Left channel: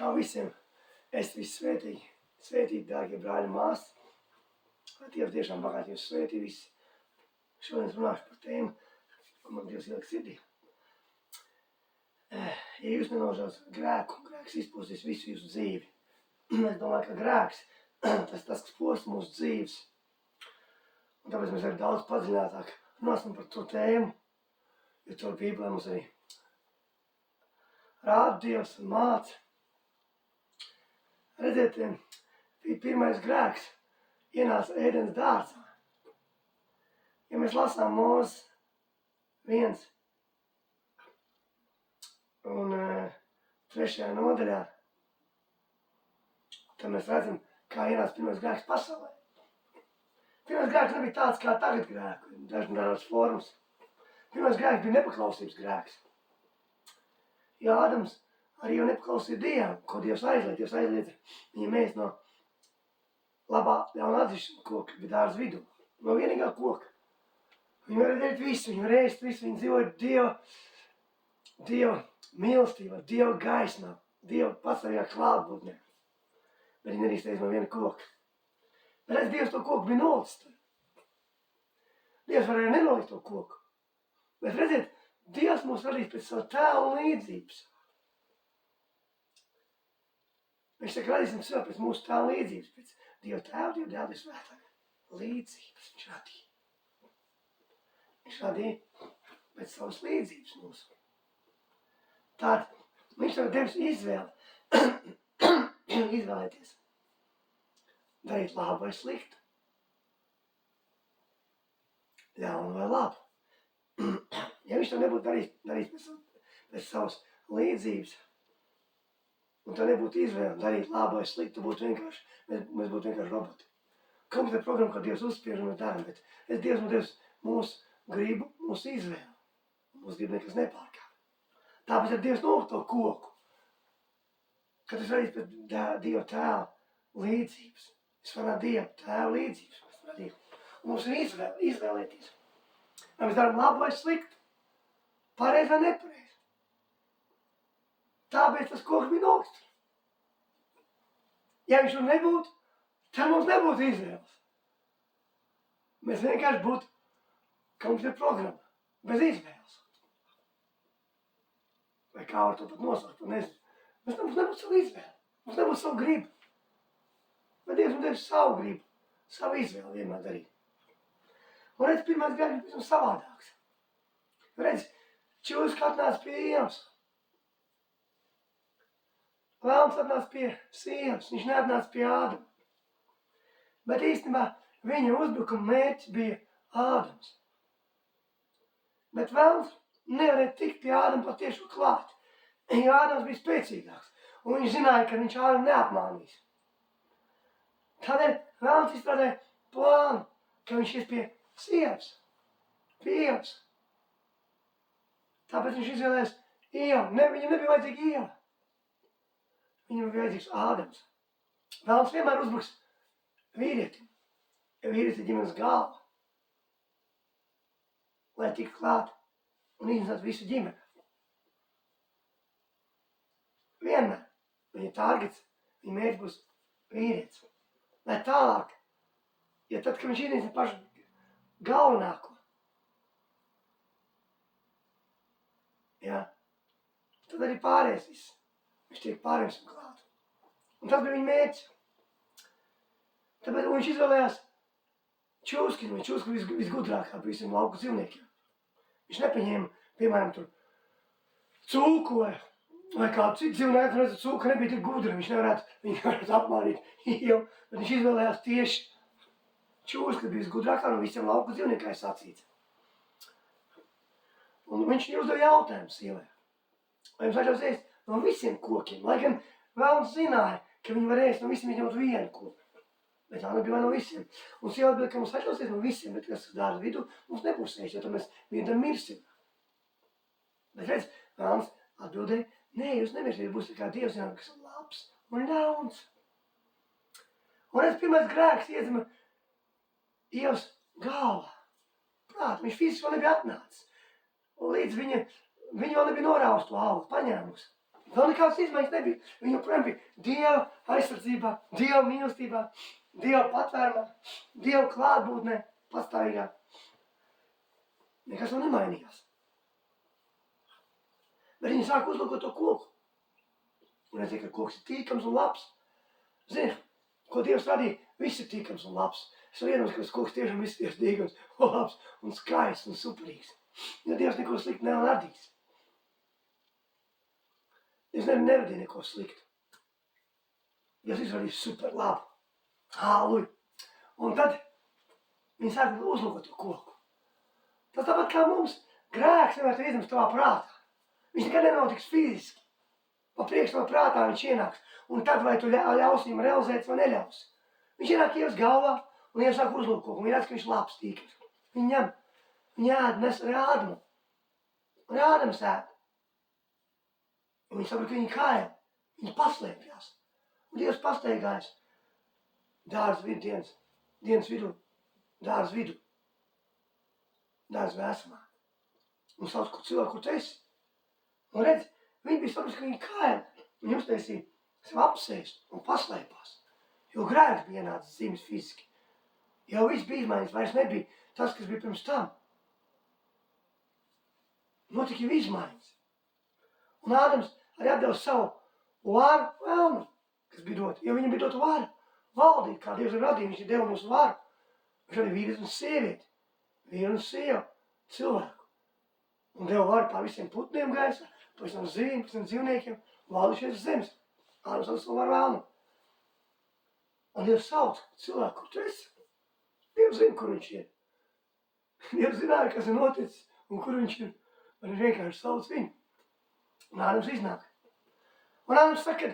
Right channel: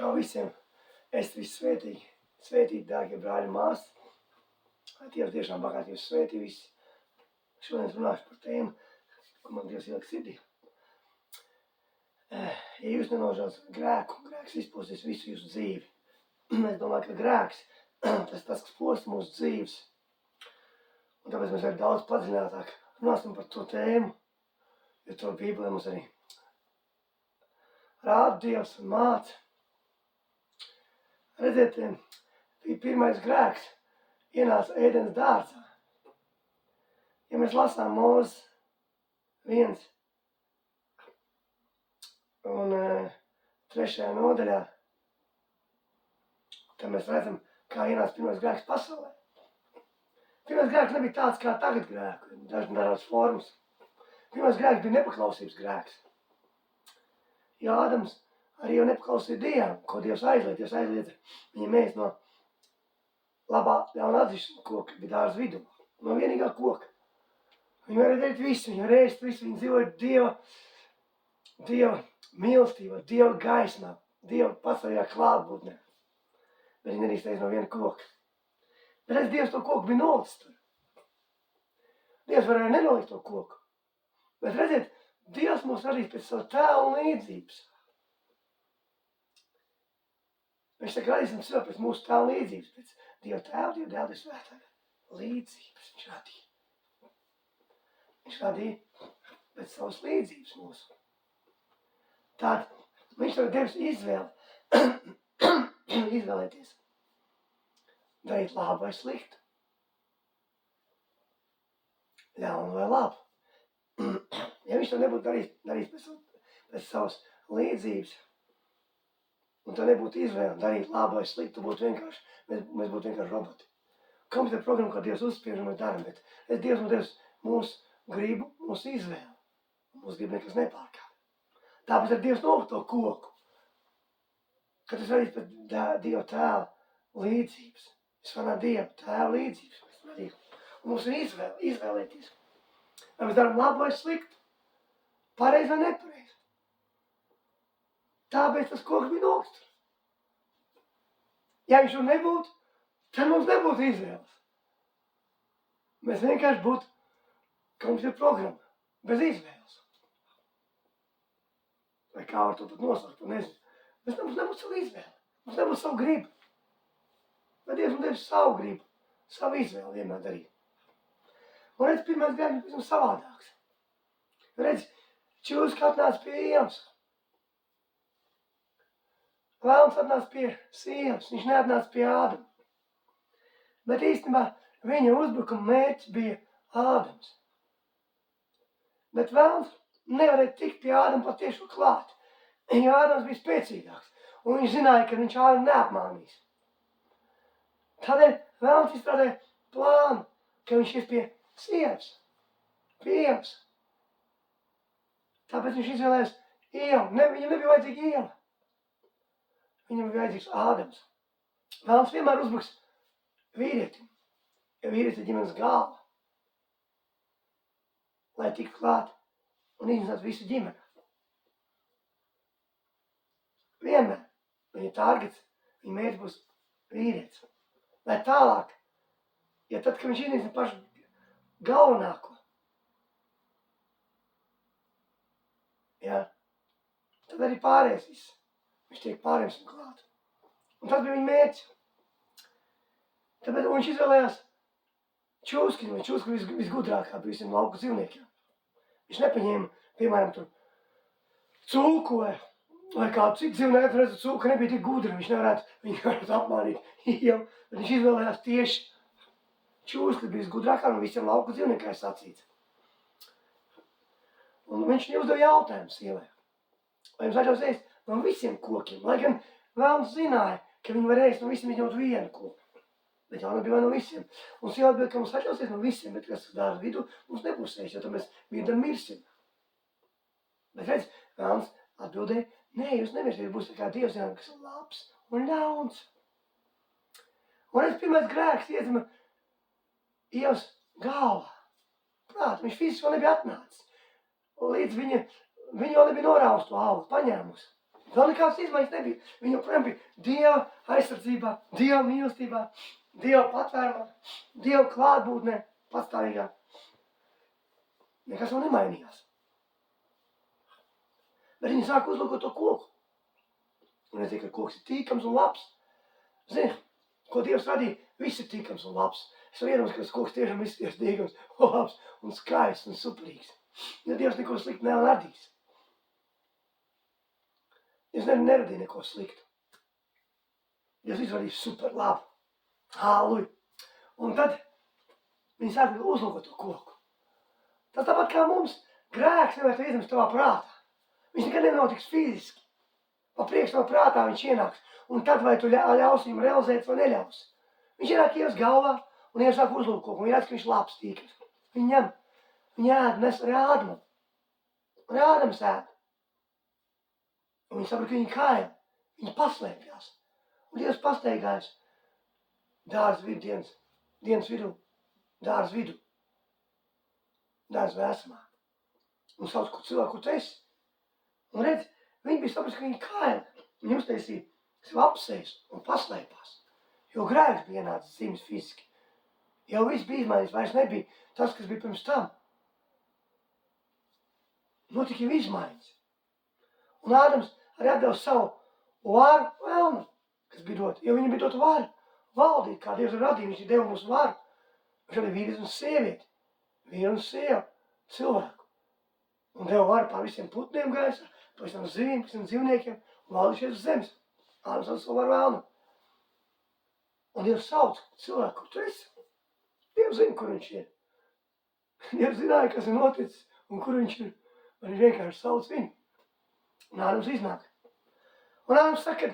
Čau visiem! Es visi svētīgi. Svētīgi, dārgie brāļi un māsas. Lai Dievs tiešām bagāti jūs svētī visi. Šodien runāšu par tēmu, ko man Dievs ieliek sirdī. Ja jūs nenožēlat grēku, grēks izpostīs visu jūsu dzīvi. Es domāju, ka grēks, tas kas posta mūsu dzīves. Un tāpēc mēs arī daudz padziļinātāk runāsim par to tēmu, jo to Bībelē mums arī rāda Dievs un māca. Redziet, pirmais grēks ienāca Ēdenes dārzā. Ja mēs lasām Mūzes 1 un 3. nodaļā, tad mēs redzam, kā ienāca pirmais grēks pasaulē. Pirmais grēks nebija tāds kā tagad grēku, dažādas formas. Pirmais grēks bija nepaklausības grēks. Jo Ādams arī jau nepaklausīja Dievam, ko Dievs aizliedza. Dievs aizliedza viņam ēst no labā ļauna atzīšana koka, bija dārza vidū, no vienīgā koka. Viņi varēja darīt visu, viņi varēja ēst visu, viņi dzīvoja Dieva mīlestībā, Dieva gaismā, Dieva pastāvīgā klātbūtnē. Bet viņi nedrīkst ēst no viena koka. Bet redz, Dievs to koku bija nolicis tur. Dievs varēja nenolikt to koku. Bet redziet, Dievs mūs radīs pēc savu tēlu un līdzības. Viņš saka, radīsim sev pēc mūsu tēlu līdzības, pēc Dieva tēva, Dieva dēla, Dieva svētā līdzības viņš radīja. Viņš radīja pēc savas līdzības mūsu. Tātad viņš tev devis izvēli, izvēlēties, darīt labu vai sliktu, ļaunu vai labu. Ja viņš to nebūtu darījis pēc savas līdzības, un tā nebūtu izvēle darīt labu vai sliktu, mēs būtu vienkārši roboti. Komputera programma, ko Dievs uzspiež, un mēs darām, bet Dievs mums devis mūsu gribu, mūsu izvēli. Mūsu gribu nekas nepārkāp. Tāpēc ar Dievs nolikt to koku, kad tas radīs pēc Dieva tēva līdzības. Es varu Dieva tēva līdzības. Un mums ir izvēlēties. Vai mēs darām labu vai sliktu, pareizi vai nepareizi. Tāpēc tas koks bija nolikts. Ja viņš tur nebūtu, tad mums nebūtu izvēles. Mēs vienkārši būtu komputera programma, bez izvēles. Vai kā var to pat nosaukt, to nezinu. Mums nebūtu savu izvēli, mums nebūtu savu gribu. Bet Dievs mums devis savu gribu, savu izvēli vienmēr darīt. Un redz, pirmais grēks ir pavisam savādāks. Redz, čūska atnāca pie Ievas. Velns atnāca pie sievas, viņš neatnāca pie Ādama. Bet īstenībā viņa uzbrukuma mērķis bija Ādams. Bet velns nevarēja tikt pie Ādama patiešo klāt, jo Ādams bija spēcīgāks, un viņš zināja, ka viņš Ādamu neapmānīs. Tādēļ velns izstrādāja plānu, ka viņš ies pie sievas, pie Ievas. Tāpēc viņš izvēlējās Ievu. Viņam nebija vajadzīga Ieva. Viņam bija vajadzīgs Ādams. Velns vienmēr uzbruks vīrietim, jo vīrietis ir ģimenes galva, lai tiktu klāt un iznāc visu ģimeni. Vienmēr viņa targets, viņa mērķis būs vīrietis. Lai tālāk, ja tad, kad viņš iznīcina pašu galvenāko, tad arī pārējais viss. Viņš tiek pārējais un klāt. Un tas bija viņa mērķis. Tāpēc viņš izvēlējās čūski, un čūska visgudrākā bija visiem lauku dzīvniekiem. Viņš nepaņēma, piemēram, tur cūku vai kādu citu dzīvnieku, redzu, cūka nebija tik gudra, viņš nevarētu apmānīt Ievu, bet viņš izvēlējās tieši čūska, bija visgudrākā no visiem lauku dzīvniekiem sacīts. Un viņš viņai uzdeva jautājumu sievai. Vai jums vajadzēs ēst no visiem kokiem? Lai gan velns zināja, ka viņi var ēst no visiem, izņemot vienu koku. Bet jau nebija no visiem. Un sieva atbild, ka mums vajadzēs ēst no visiem, bet kas dārza vidū, mums nebūs ēst, jo tad mēs vienam mirsim. Bet redz, velns atbildēja, nē, jūs nemirsiet, jūs būsiet kā Dievs zināt, kas ir labs un ļauns. Un redz, pirmais grēks iedzima Ievas galvā. Prāt, viņš fiziski vēl nebija atnācis. Un līdz viņa vēl nebija norāvusi to aulu, paņēmusi. Vēl nekādas izmaiņas nebija. Viņi joprojām bija Dieva aizsardzībā, Dieva mīlestībā, Dieva patvērumā, Dieva klātbūtnē, pastāvīgā. Nekas vēl nemainījās. Bet viņi sāka uzlūkot to koku. Un es zinu, ka koks ir tīkams un labs. Zini, ko Dievs radīja? Viss ir tīkams un labs. Es varu iedomāties, ka tas koks tiešām viss ir tīkams un labs un skaists un superīgs. Jo Dievs neko sliktu neradīs. Dievs neradīja neko sliktu. Dievs izradīja super labu. Halleluja. Un tad viņi sāka uzlūkot to koku. Tas tāpat kā mums grēks nevar iezemes tavā prātā. Viņš nekad nenotiks fiziski. Pa priekš tavā prātā viņš ienāks. Un tad vai tu ļausi viņam realizēt vai neļausi. Viņš ienāk Ievas galvā un Ieva sāk uzlūkt koku. Viņa redz, ka viņš labs tīkams. Viņa ņem, viņa ēd, nes rādumu. Rādams ēd. Un viņa saprot, ka viņa kaila. Viņa paslēpjās. Un Dievs pasteigājās dārza vidu dienas vidū. Dārza vidu. Dārza vēsumā. Un sauc, kur cilvēku, kur tu esi. Un redz, viņi bija saprast, ka viņi kaila. Viņi uztaisīja sev apsēst un paslēpās. Jo grēks bija ienācis dzīves fiziski. Jau viss bija izmaiņas, vairs nebija tas, kas bija pirms tam. Notika jau izmaiņas. Un Ādams arī atdeva savu varu vēlmu, kas bija dota. Jo viņam bija dota vara valdīt, kā Dievs ir radījis. Viņš ir deva mums varu. Viņš arī vīrietis un sievieti. Vīru un sievu, cilvēku. Un deva varu pār visiem putniem gaisā, pār visiem zivīm, visiem dzīvniekiem, un valdīšies uz zemes. Ādams atdeva savu varu vēlmu. Un Dievs sauc cilvēku, kur tu esi. Dievs zina, kur viņš ir. Dievs zināja, kas ir noticis un kur viņš ir. Un viņš vienkārši sauc viņu. Un Ādams iznāk. Un Ādams saka,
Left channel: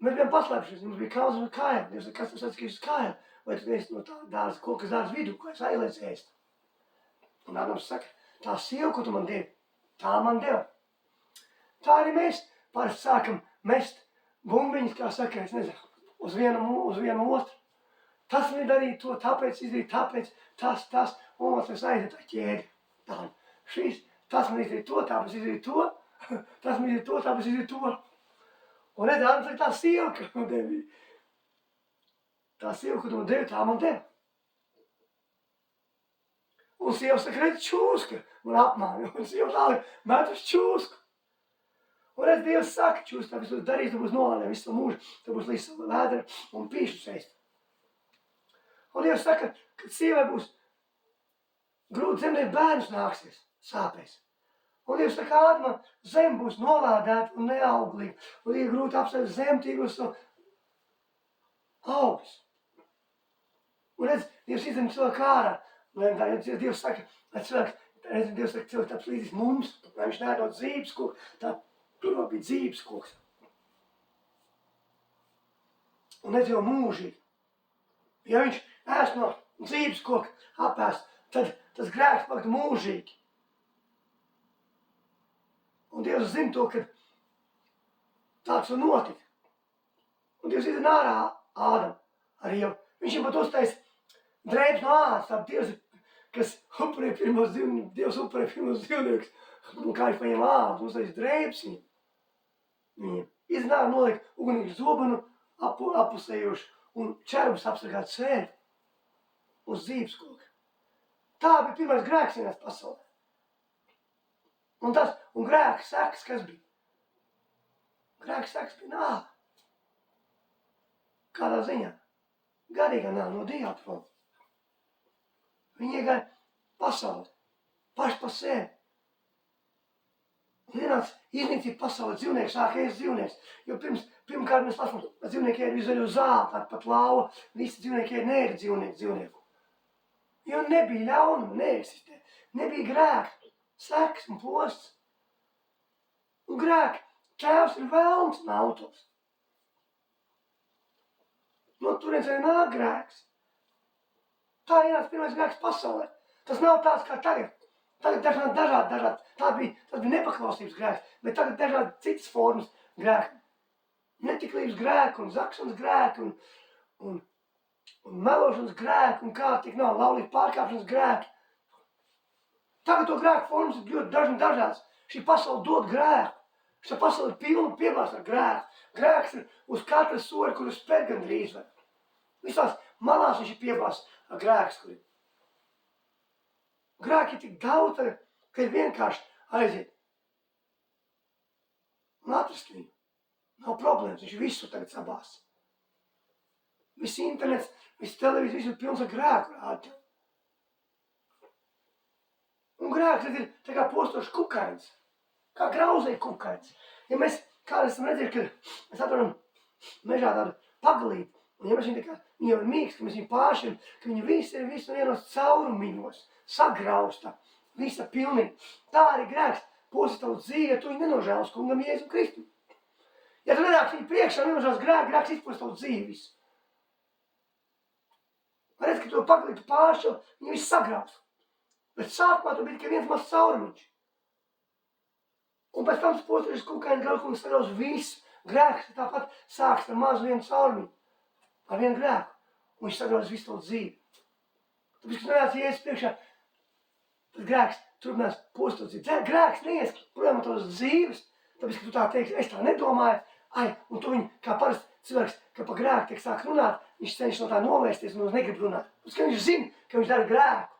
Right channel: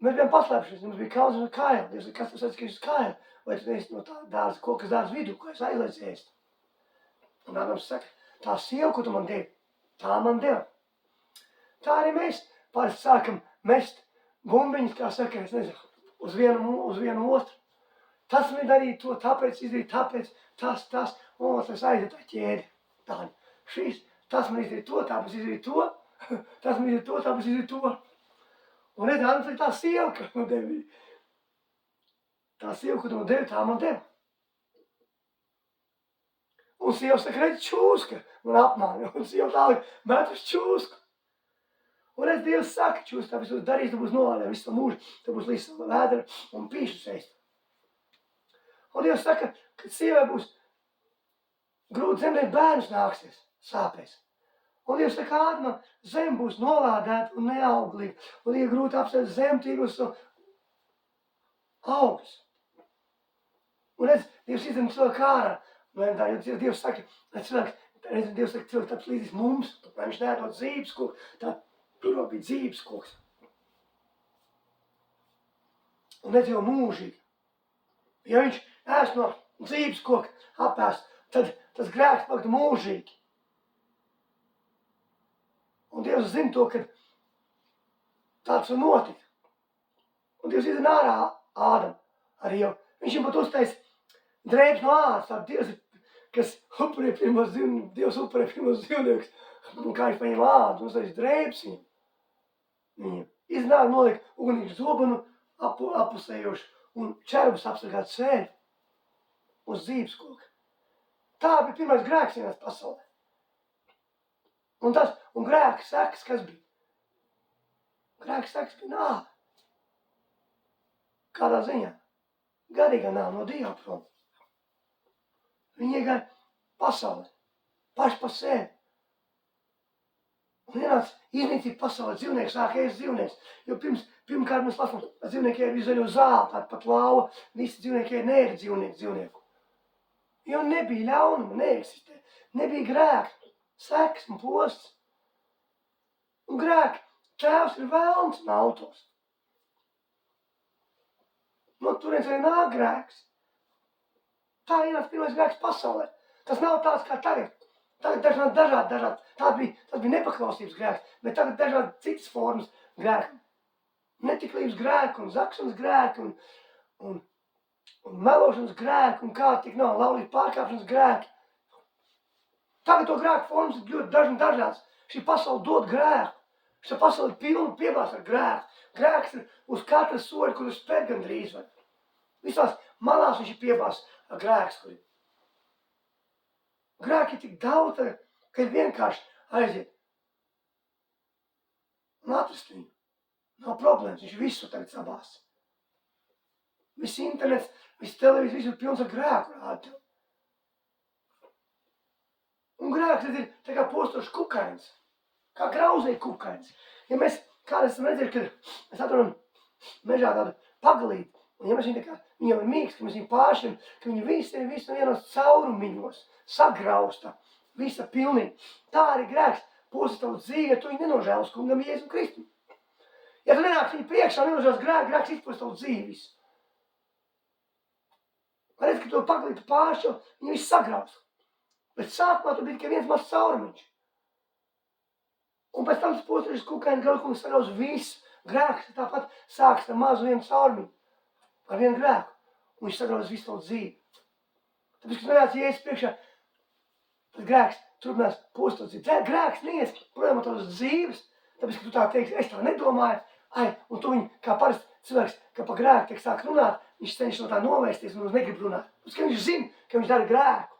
mēs bijām paslēpšies, mums bija kauns un kaila. Dievs saka, kas tu saka, ka es kaila? Vai tu esi no tā dārza, kokas dārza vidū, ko es aizliedz ēst? Un Ādams saka, tā sieva, ko tu man devi, tā man deva. Tā arī mēs parasti sākam mest bumbiņas, kā saka, es nezinu, uz vienu otru. Tas man darīja to, tāpēc izdarīja, tāpēc tas, un otrs aiziet tā ķēdi. Tā, šīs, tas man izdarīja to, tāpēc izdarīja to, tas man izdarīja to, tāpēc izdarīja to. Un redz, Ādams saka, tā sieva, ka man devi. Tā sieva, ko tu man devi, tā man deva. Un sieva saka, redz, čūska, man apmāja. Un sieva tālāk met uz čūsku. Un redz, Dievs saka, čūska, tāpēc tu darīs, tu būs nolādē visu mūžu, tu būs līdz savu vēdra un pīšu seist. Un Dievs saka, kad sievai būs grūti dzemdēt, bērnus nāksies sāpēs. Un Dievs saka, Ādamam, zem būs nolādēta un neauglīga. Un ir grūti apsēst zemtīgus un augus. Un redz, Dievs izdara cilvēku ārā. Un Dievs saka, Dievs saka, cilvēks tāds līdzis mums, lai viņš neēdot dzīves koku. Tā tur bija dzīves koks. Un redz jau mūžīgi. Ja viņš ēst no dzīves koka apēst, tad tas grēks paktu mūžīgi. Un Dievs zina to, ka tāds var notikt. Un Dievs izdara ārā Ādamu arī jau. Viņš viņam pat uztais drēbes no ādas, tā Dievs, kas upurē pirmos dzīvniekus, Dievs upurē pirmos dzīvniekus, un kā viņš paņem ādu, uztais drēbes viņam. Izdara nolikt ugunīgu zobenu apusējuši un čerbus apsargāt sēri uz dzīves koka. Tā bija pirmais grēks vienās pasaulē. Un grēka sekas, kas bija? Grēka sekas bija nāve. Kādā ziņā? Garīgā nāve no Dieva prom. Viņi iegāja pasaulē, paši pa sevi. Un ienāca iznīcība pasaulē, dzīvnieks sāk ēst dzīvnieks. Jo pirmkārt mēs lasām, ka dzīvnieki ēd visu zaļo zāli, tāda pat lauva, visi dzīvnieki ēd neēd dzīvnieku. Jo nebija ļaunuma, neeksistē, nebija grēka, seks un posts. Un grēka tēvs ir vēlns un autors. No turienes arī nāk grēks. Tā ienāca pirmais grēks pasaulē. Tas nav tāds kā tagad. Tagad dažādi. Tas bija nepaklausības grēks, bet tagad dažādi citas formas grēki. Netiklības grēki un zakšanas grēki un melošanas grēki un kā tik nav, laulības pārkāpšanas grēki. Tagad to grēku formas ir ļoti dažādas. Šī pasaule dod grēku. Šā pasaule ir pilna piebārs ar grēku. Grēks ir uz katra soļa, kur uz spēr gandrīz var. Visās malās viņš ir piebārs ar grēks, kur ir. Grēki ir tik daudz, ka ir vienkārši aiziet un atrast viņu. Nav problēmas, viņš visu tagad sabās. Viss internets, viss televīzija, viss ir pilns ar grēku rāda. Un grēks ir tā kā postošs kukainis, kā grauzēja kukainis. Ja mēs kādreiz esam redzējuši, kad mēs atrodam mežā tādu pagalīti, un ja mēs viņu tā kā, viņi jau ir mīksti, ka mēs viņu pāršķiram, ka viņi visi ir vienos caurumiņos, sagrausta, visa pilnīgi. Tā arī grēks posta tavu dzīvi, ja tu viņu nenožēlas kungam Jēzum Kristum. Ja tu nenāc viņu priekšā, nenožēlas grēks izposta tavu dzīvi visu. Redz, ka to pagalīti pāršķil, viņi visi sagrausta. Bet sākumā tur bija tikai viens mazs caurumiņš. Un pēc tam tas postošs kukaiņa grauz, kungs sagrauz visu. Grēks tāpat sāks ar mazu vienu caurumiņu. Ar vienu grēku. Un viņš sagrauz visu tavu dzīvi. Tāpēc, ka nenāc Jēzus priekšā, tad grēks turpinās postot dzīvi. Grēks neies projām no tavas dzīves, tāpēc, ka tu tā teiksi, es tā nedomāju. Un tu viņu, kā parasti cilvēks, ka pa grēku tiek sāk runāt, viņš cenšas no tā novērsties un negrib runāt. Tāpēc, ka viņš zina, ka viņš dara grēku.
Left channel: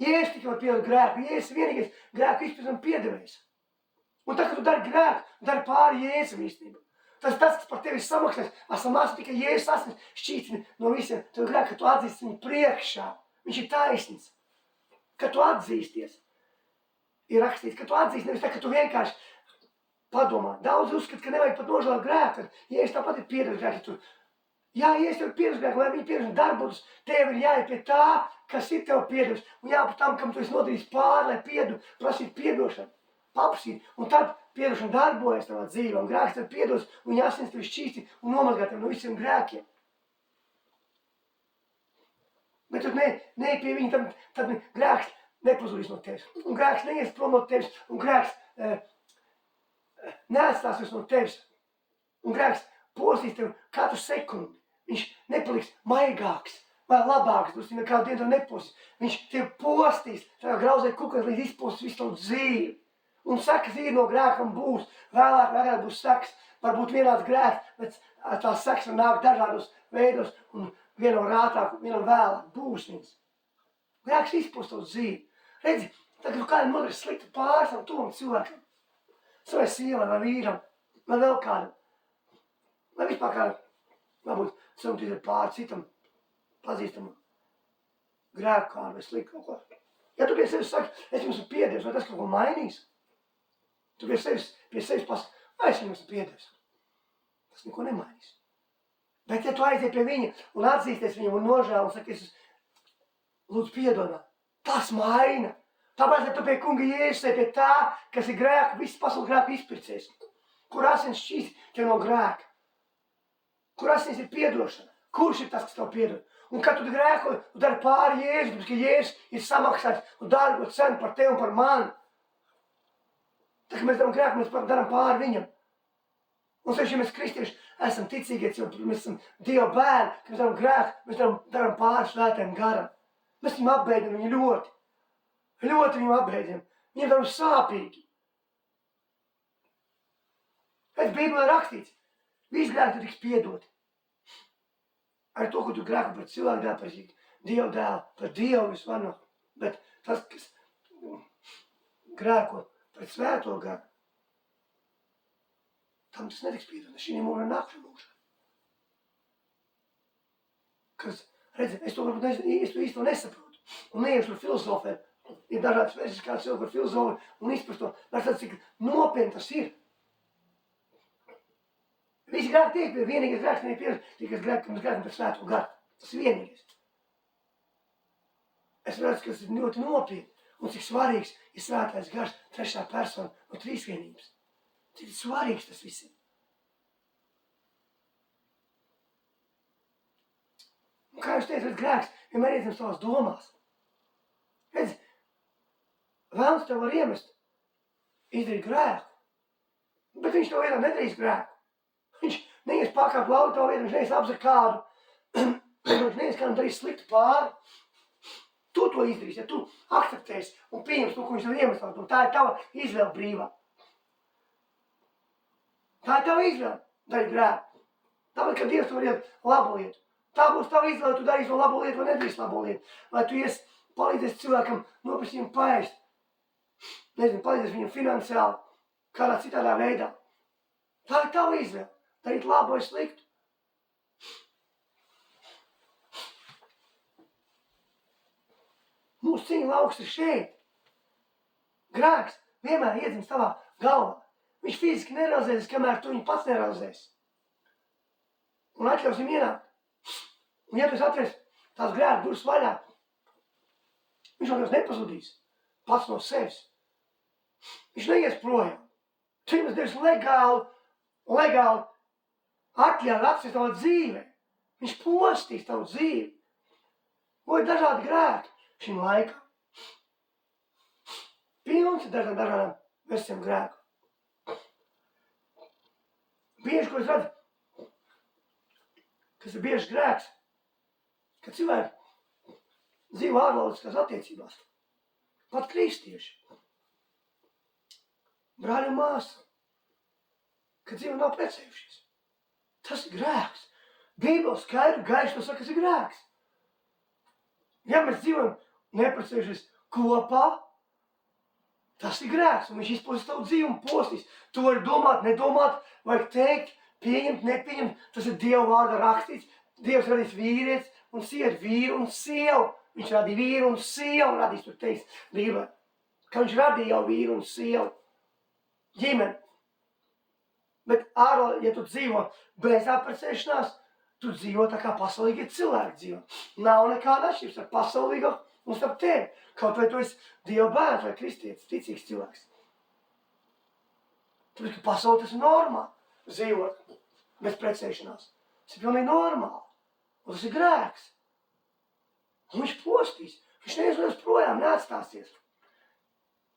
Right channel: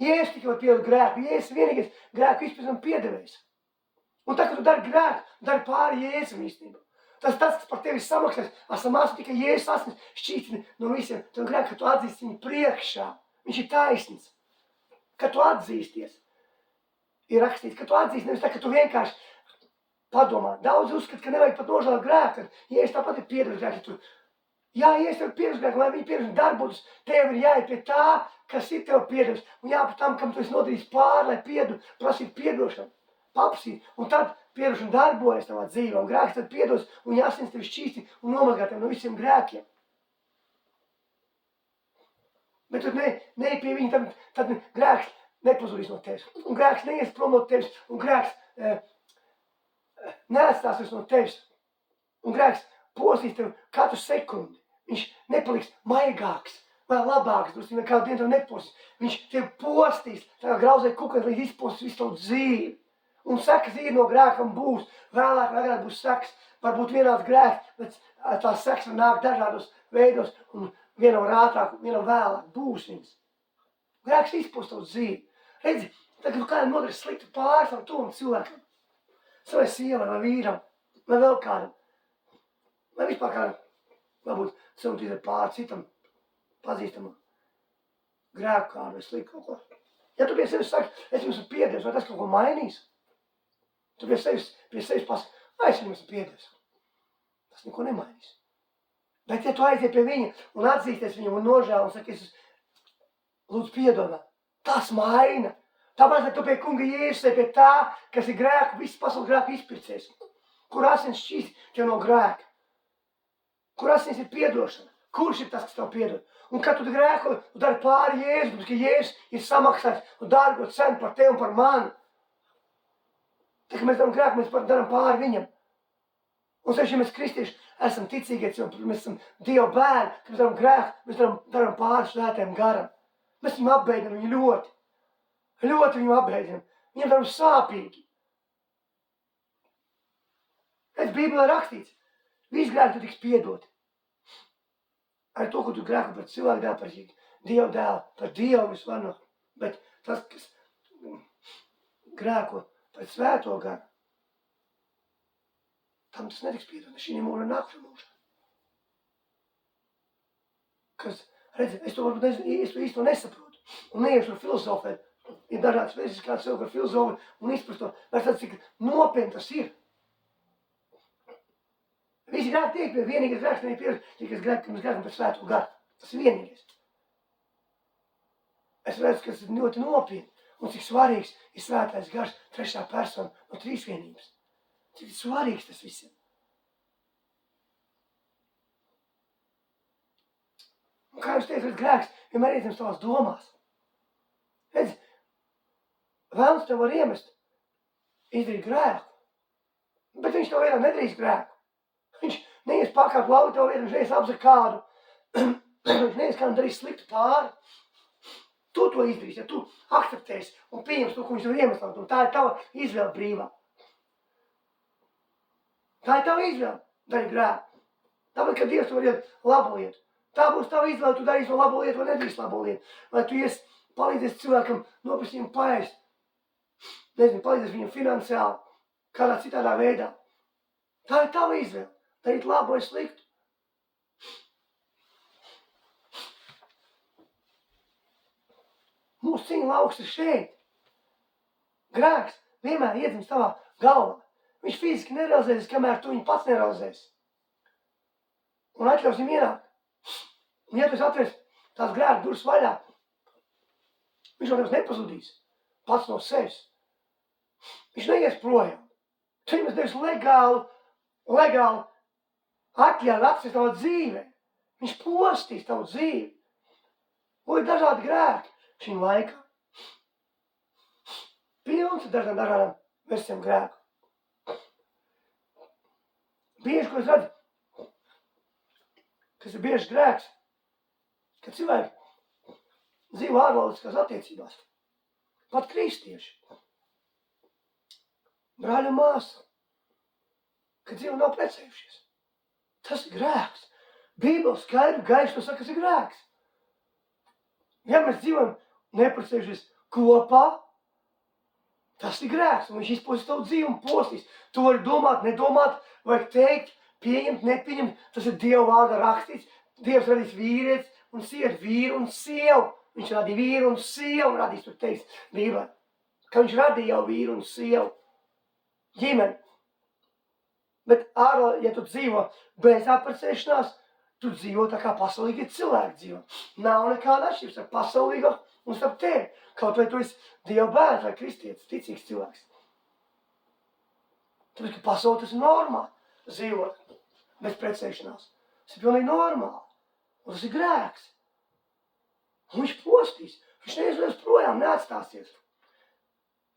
Jēzus tikai var piedot grēku. Jēzus vienīgais grēku izpildījums piedevējs. Un tā, ka tu dari grēku, dari pāri Jēzum īstenībā. Tas, kas par tevi samaksās, esam mācīt tikai Jēzus asins šķītini no visiem. Tev grēku, ka tu atzīsti viņu priekšā. Viņš ir taisnīgs. Ka tu atzīsties. Ir rakstīts, ka tu atzīsti, nevis tā, ka tu vienkārši padomā. Daudz uzskat, ka nevajag pat nožēlot grēku. Jēzus tāpat ir piedevis grēku. Jā, Jēzus tev ir piedevis grēku, lai viņi piedevis darbotus. Tev ir jāiet pie tā, kas ir tev piedevis. Un jāpat tam, kam tu esi nodarījis pāri, lai piedu, prasīt piedošanu. Papsīt. Un tad piedošana darbojas tavā dzīvē. Un grēks tev piedos, un jāsins tevi šķīsti un nomazgā tevi no visiem grēkiem. Bet tu neej pie viņa, tad grēks nepazudīs no tevis. Un grēks neies prom no tevis. Un grēks neatstāsies no tevis. Un grēks postīs tevi katru sekundi. Viņš nepaliks maigāks vai labāks. Viņš nekādu dienu tev nepostīs. Viņš tevi postīs, tā kā grauzēja kukas, līdz izpostīs visu tavu dzīvi. Un sekas ir no grēkam būs. Vēlāk būs sekas. Varbūt vienāds grēks, bet tās sekas var nākt dažādos veidos. Un vienam ātrāk, vienam vēlāk būs viņas. Grēks izpost tavu dzīvi. Redzi, tagad kādam nodarīs sliktu pārsam tuvam cilvēkam. Savai sievai vai vīram, vai vēl kādam. Vai vispār kādam, varbūt cilvēkam izdarīt pāri citam pazīstamam grēku kādu vai sliktu kaut ko. Ja tu pie sevis saki, es jums esmu piedevis, vai tas kaut ko mainīs? Tu pie sevis pasaki, vai es jums esmu piedevis. Tas neko nemainīs. Bet ja tu aiziet pie viņa un atzīsties viņam un nožēl un saki, es lūdzu piedod, tas maina. Tāpēc, ka tu pie kunga Jēzus pie tā, kas ir grēku, viss pasaules grēku izpircējs. Kur asins šķīst tev no grēka? Kur asins ir piedošana? Kurš ir tas, kas tev piedod? Un kad tu grēko, tu dari pāri Jēzus, ka Jēzus ir samaksājis un dārgo cenu par tevi un par mani. Tā, ka mēs daram grēku, mēs daram pāri viņam. Un sevišķi, ja mēs kristieši esam ticīgie cilvēki, mēs esam Dieva bērni, kad mēs daram grēku, mēs daram pāri svētajam garam. Mēs viņu apbeidam viņu ļoti. Ļoti viņu apbeidam. Viņam daram sāpīgi. Pēc Bībelē rakstīts, visi grēki tu tiks piedoti. Ar to, ko tu grēko par cilvēku dēlu, par Dieva dēlu, par Dievu visvarno. Bet tas, kas grēko par svēto garu, tam tas netiks piedot. Šī mūža nākšana mūža. Kas, redzi, es to varbūt īsto nesaprotu. Un neiešu ar filozofēt. Ir dažādas versijas, kā cilvēku ar filozofu un izprast to. Bet tas, cik nopietni tas ir. Visi grēki tiek pie vienīgais grēks, nevienīgi pierast, tikai mēs grēkam par svēto garu. Tas ir vienīgais. Es redzu, ka tas ir ļoti nopietni. Un cik svarīgs ir svētais gars, trešā persona no trīsvienības. Cik svarīgs tas viss ir. Un kā jūs teicat, grēks vienmēr iedzimst tavās domās. Redzi, vēlns tev var iemest, izdarīt grēku, bet viņš tev vienā nedarīs grēku. Viņš neies pakāpt lauku tev vietu, viņš neies apzakt kādu, viņš neies kādam darīs sliktu pāri. Tu to izdarīsi, ja tu akceptēsi un pieņems to, ko viņš tev iemest, un tā ir tava izvēle brīvā. Tā ir tava izvēle, darīt grēku. Tāpēc, ka Dievs tu var iet labu lietu. Tā būs tava izvēle, tu darīsi to labo lietu vai nedarīsi labo lietu. Vai tu palīdzēsi cilvēkam nopirkt viņam paēst. Nezinu, palīdzēsi viņam finansiāli, kādā citādā veidā. Tā ir tava izvēle, darīt labu vai sliktu. Mūsu cīņa lauks ir šeit. Grēks vienmēr iedzimst tavā galvā. Viņš fiziski nerealizēs, kamēr tu viņu pats nerealizēsi. Un atļaus viņam ienākt. Un ja tu atvērs tās grēku durvis vaļā, viņš no tevis nepazudīs. Pats no sevis. Viņš neies projām. Tu viņam devis legāli atļauj atsist tavu dzīvē. Viņš postīs tavu dzīvi. Un ir dažādi grēki šim laikam. Pilns ir dažādām versijām grēku. Bieži, ko es redzu, kas ir bieži grēks, ka cilvēki dzīvo ārvaldiskās attiecībās. Pat kristieši. Brāļi un māsa, ka dzīvo nav precējušies. Tas ir grēks. Bībele skaidri gaiši to saka, kas ir grēks. Ja mēs dzīvojam neprecējušies kopā, tas ir grēks. Un viņš izpostīs tavu dzīvi un postīs. Tu vari domāt, nedomāt, vajag teikt, pieņemt, nepieņemt. Tas ir Dieva vārdā rakstīts. Dievs radīs vīrietis un sievieti, vīru un sievu. Viņš radīja vīru un sievu, un radīs, tur teiks, Bībelē, ka viņš radīja jau vīru un sievu. Ģimeni. Bet ja tu dzīvo bez apprecēšanās, tu dzīvo tā kā pasaulīgi cilvēki dzīvo. Nav nekāda atšķirības ar pasaulīgo un starp tevi. Kaut vai tu esi Dieva bērns vai kristietis, ticīgs cilvēks. Tāpēc, ka pasauli tas ir normāli dzīvot bez precēšanās. Tas ir pilnīgi normāli. Un tas ir grēks. Un viņš postīs. Viņš neizvēs projām, neatstāsies.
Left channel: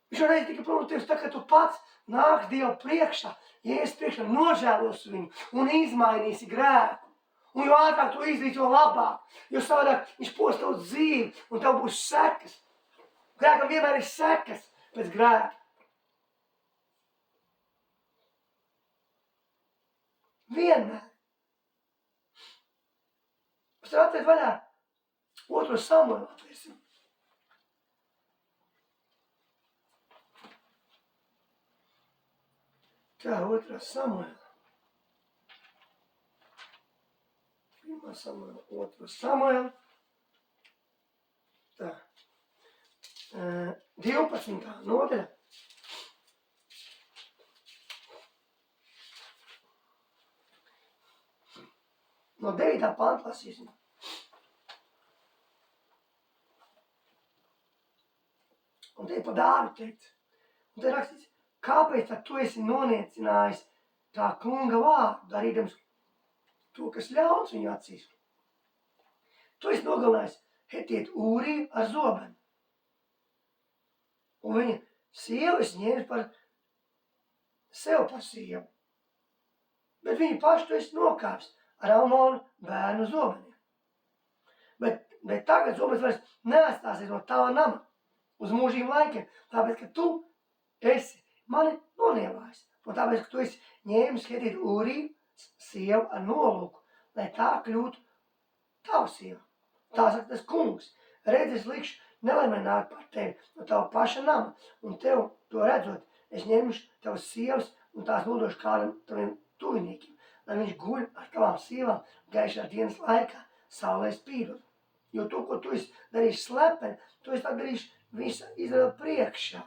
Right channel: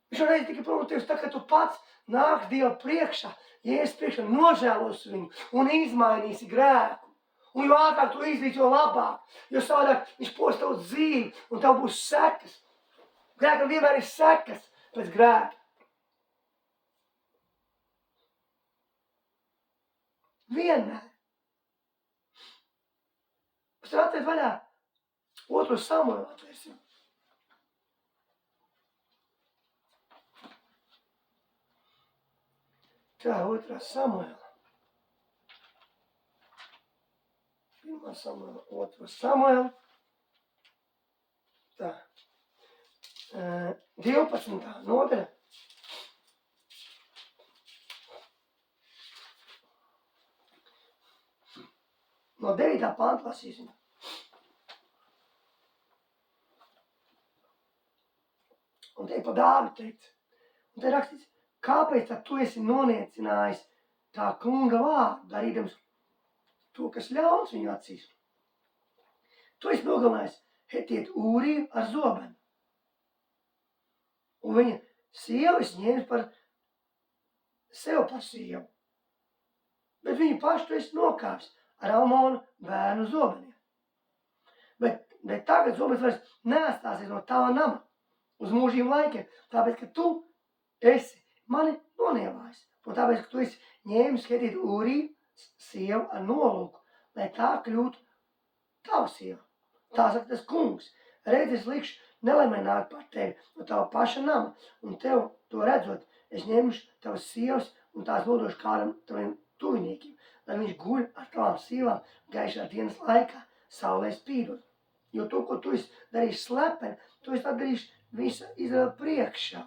Viņš varēja tikai prom tevis tā, ka tu pats nāks Dievu priekšā, Jēzus priekšā, nožēlos viņu un izmainīsi grēku. Un jo ātrāk tu izdarīsi, jo labāk. Jo savādāk viņš post tavu dzīvi un tev būs sekas. Grēkam vienmēr ir sekas pēc grēka. Vienmēr. Mēs varam atvērt vaļā 2. Samuēlu atvērsim. Tā, 2. Samuēla. 1. Samuēla, 2. Samuēla. Tā. 12. nodaļa. No 9. panta lasīsim. Un te ir par Dāvidu teikts. Un te rakstīts, kāpēc tad tu esi noniecinājis tā kunga vārdu, darīdams to, kas ļauns viņu acīs? Tu esi nogalinājis Hetietu Ūriju ar zobenu. Un viņa sievu es ņēmu par sev par sievu. Bet viņu pašu tu esi nokāpis ar Amonu bērnu zobeniem. Bet tagad zobens vairs neatstāsies no tava nama uz mūžīm laikiem, tāpēc, ka tu esi mani nonievājis. Un tāpēc, ka tu esi ņēmis Hetietu Ūriju sievu ar nolūku, lai tā kļūtu tava sieva. Tā saka tas kungs. Redz, es likšu nelaimē nāk par tevi no tava paša nama, un tev to redzot, es ņemšu tavas sievas un tās nodošu kādam taviem tuviniekiem, lai viņš guļ ar tavām sievām gaišā dienas laikā, saulē spīdot. Jo to, ko tu esi darījis slepeni, tu esi darījis visa Izraela priekšā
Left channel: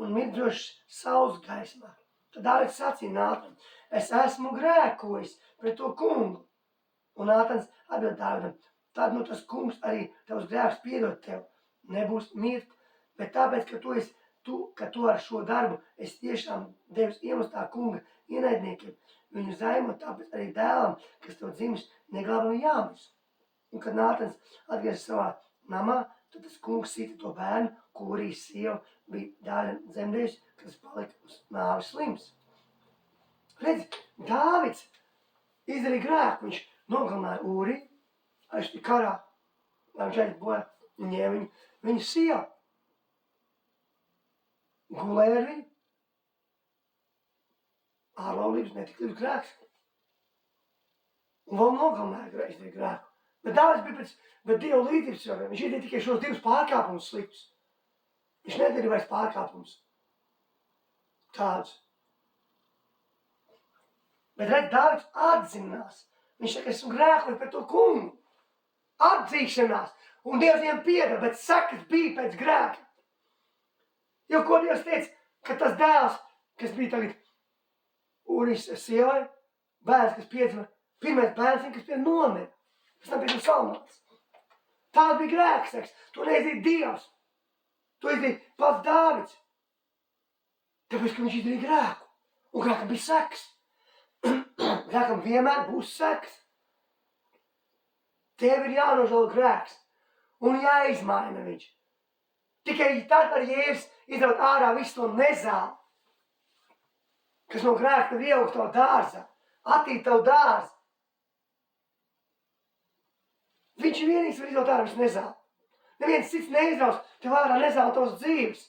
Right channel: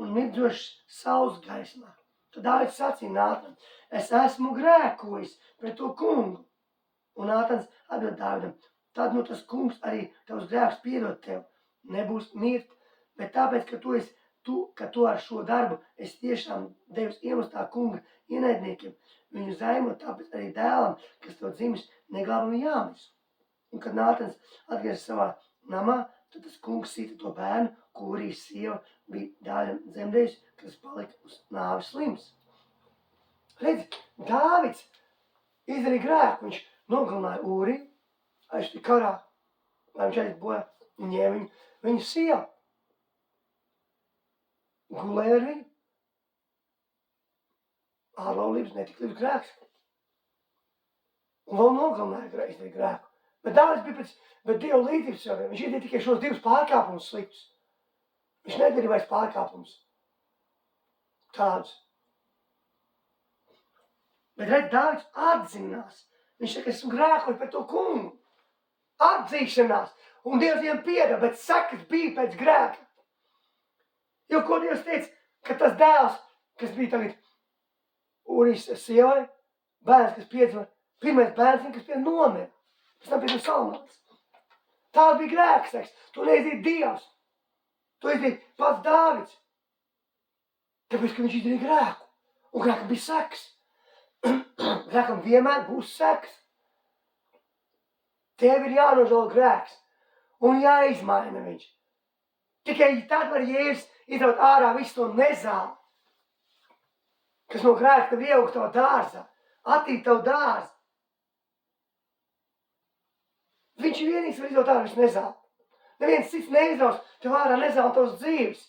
un mirdzošs saules gaismā. Tad Dāvids sacīja Nātanam, es esmu grēkojis pret to kungu. Un Nātans atbild Dāvidam, tad nu tas kungs arī tavs grēks piedod tev, nebūs mirt, bet tāpēc, ka tu ar šo darbu esi tiešām devis iemestā kunga ienaidniekiem, viņu zaimot, tāpēc arī dēlam, kas tev dzimis, neglābami jāmis. Un kad Nātans atgriezās savā namā, tad tas kungs sita to bērnu, ko Ūrijas sieva bija Dāvidam dzemdējusi, kas palika uz nāves slims. Redzi, Dāvids izdarīja grēku, viņš nogalināja Ūriju, aiztika karā, lai viņš aizbojā un ņēma viņu sievu. Gulēja ar viņu. ārlaulības netiklības grēks. Un vēl nogalināja grēku. Bet Dāvids bija bet Dieva līdzības cilvēkiem. Viņš izdarīja tikai šos divus pārkāpumus sliktus. Viņš nedarīja vairs pārkāpumus tādus. Bet redz, Dāvids atzinās. Viņš saka, esmu grēkojis pret to kungu. Atzīšanās. Un Dievs viņam piedeva, bet sekas bija pēc grēka. Jo ko Dievs teica, ka tas dēls, kas bija tagad Ūrijas sievai, bērns, kas piedzima, pirmais bērns, kas pie nomira. Pēc tam pie Salmāns. Tāds bija grēks. To neizdarīja Dievs. To izdarīja pats Dāvids. Tāpēc, ka viņš izdarīja grēku. Un grēkam bija sekas. Grēkam vienmēr būs sekas. Tev ir jānožēlo grēks. Un jāizmaina viņš. Tikai tad var Jēzus izraut ārā visu to nezāli, kas no grēka tev ieaugt tavā dārzā, attīt tavu dārzu. Viņš ir vienīgs, var izraut ārā visu nezāli. Neviens cits neizraus tev ārā nezāli tavas dzīves.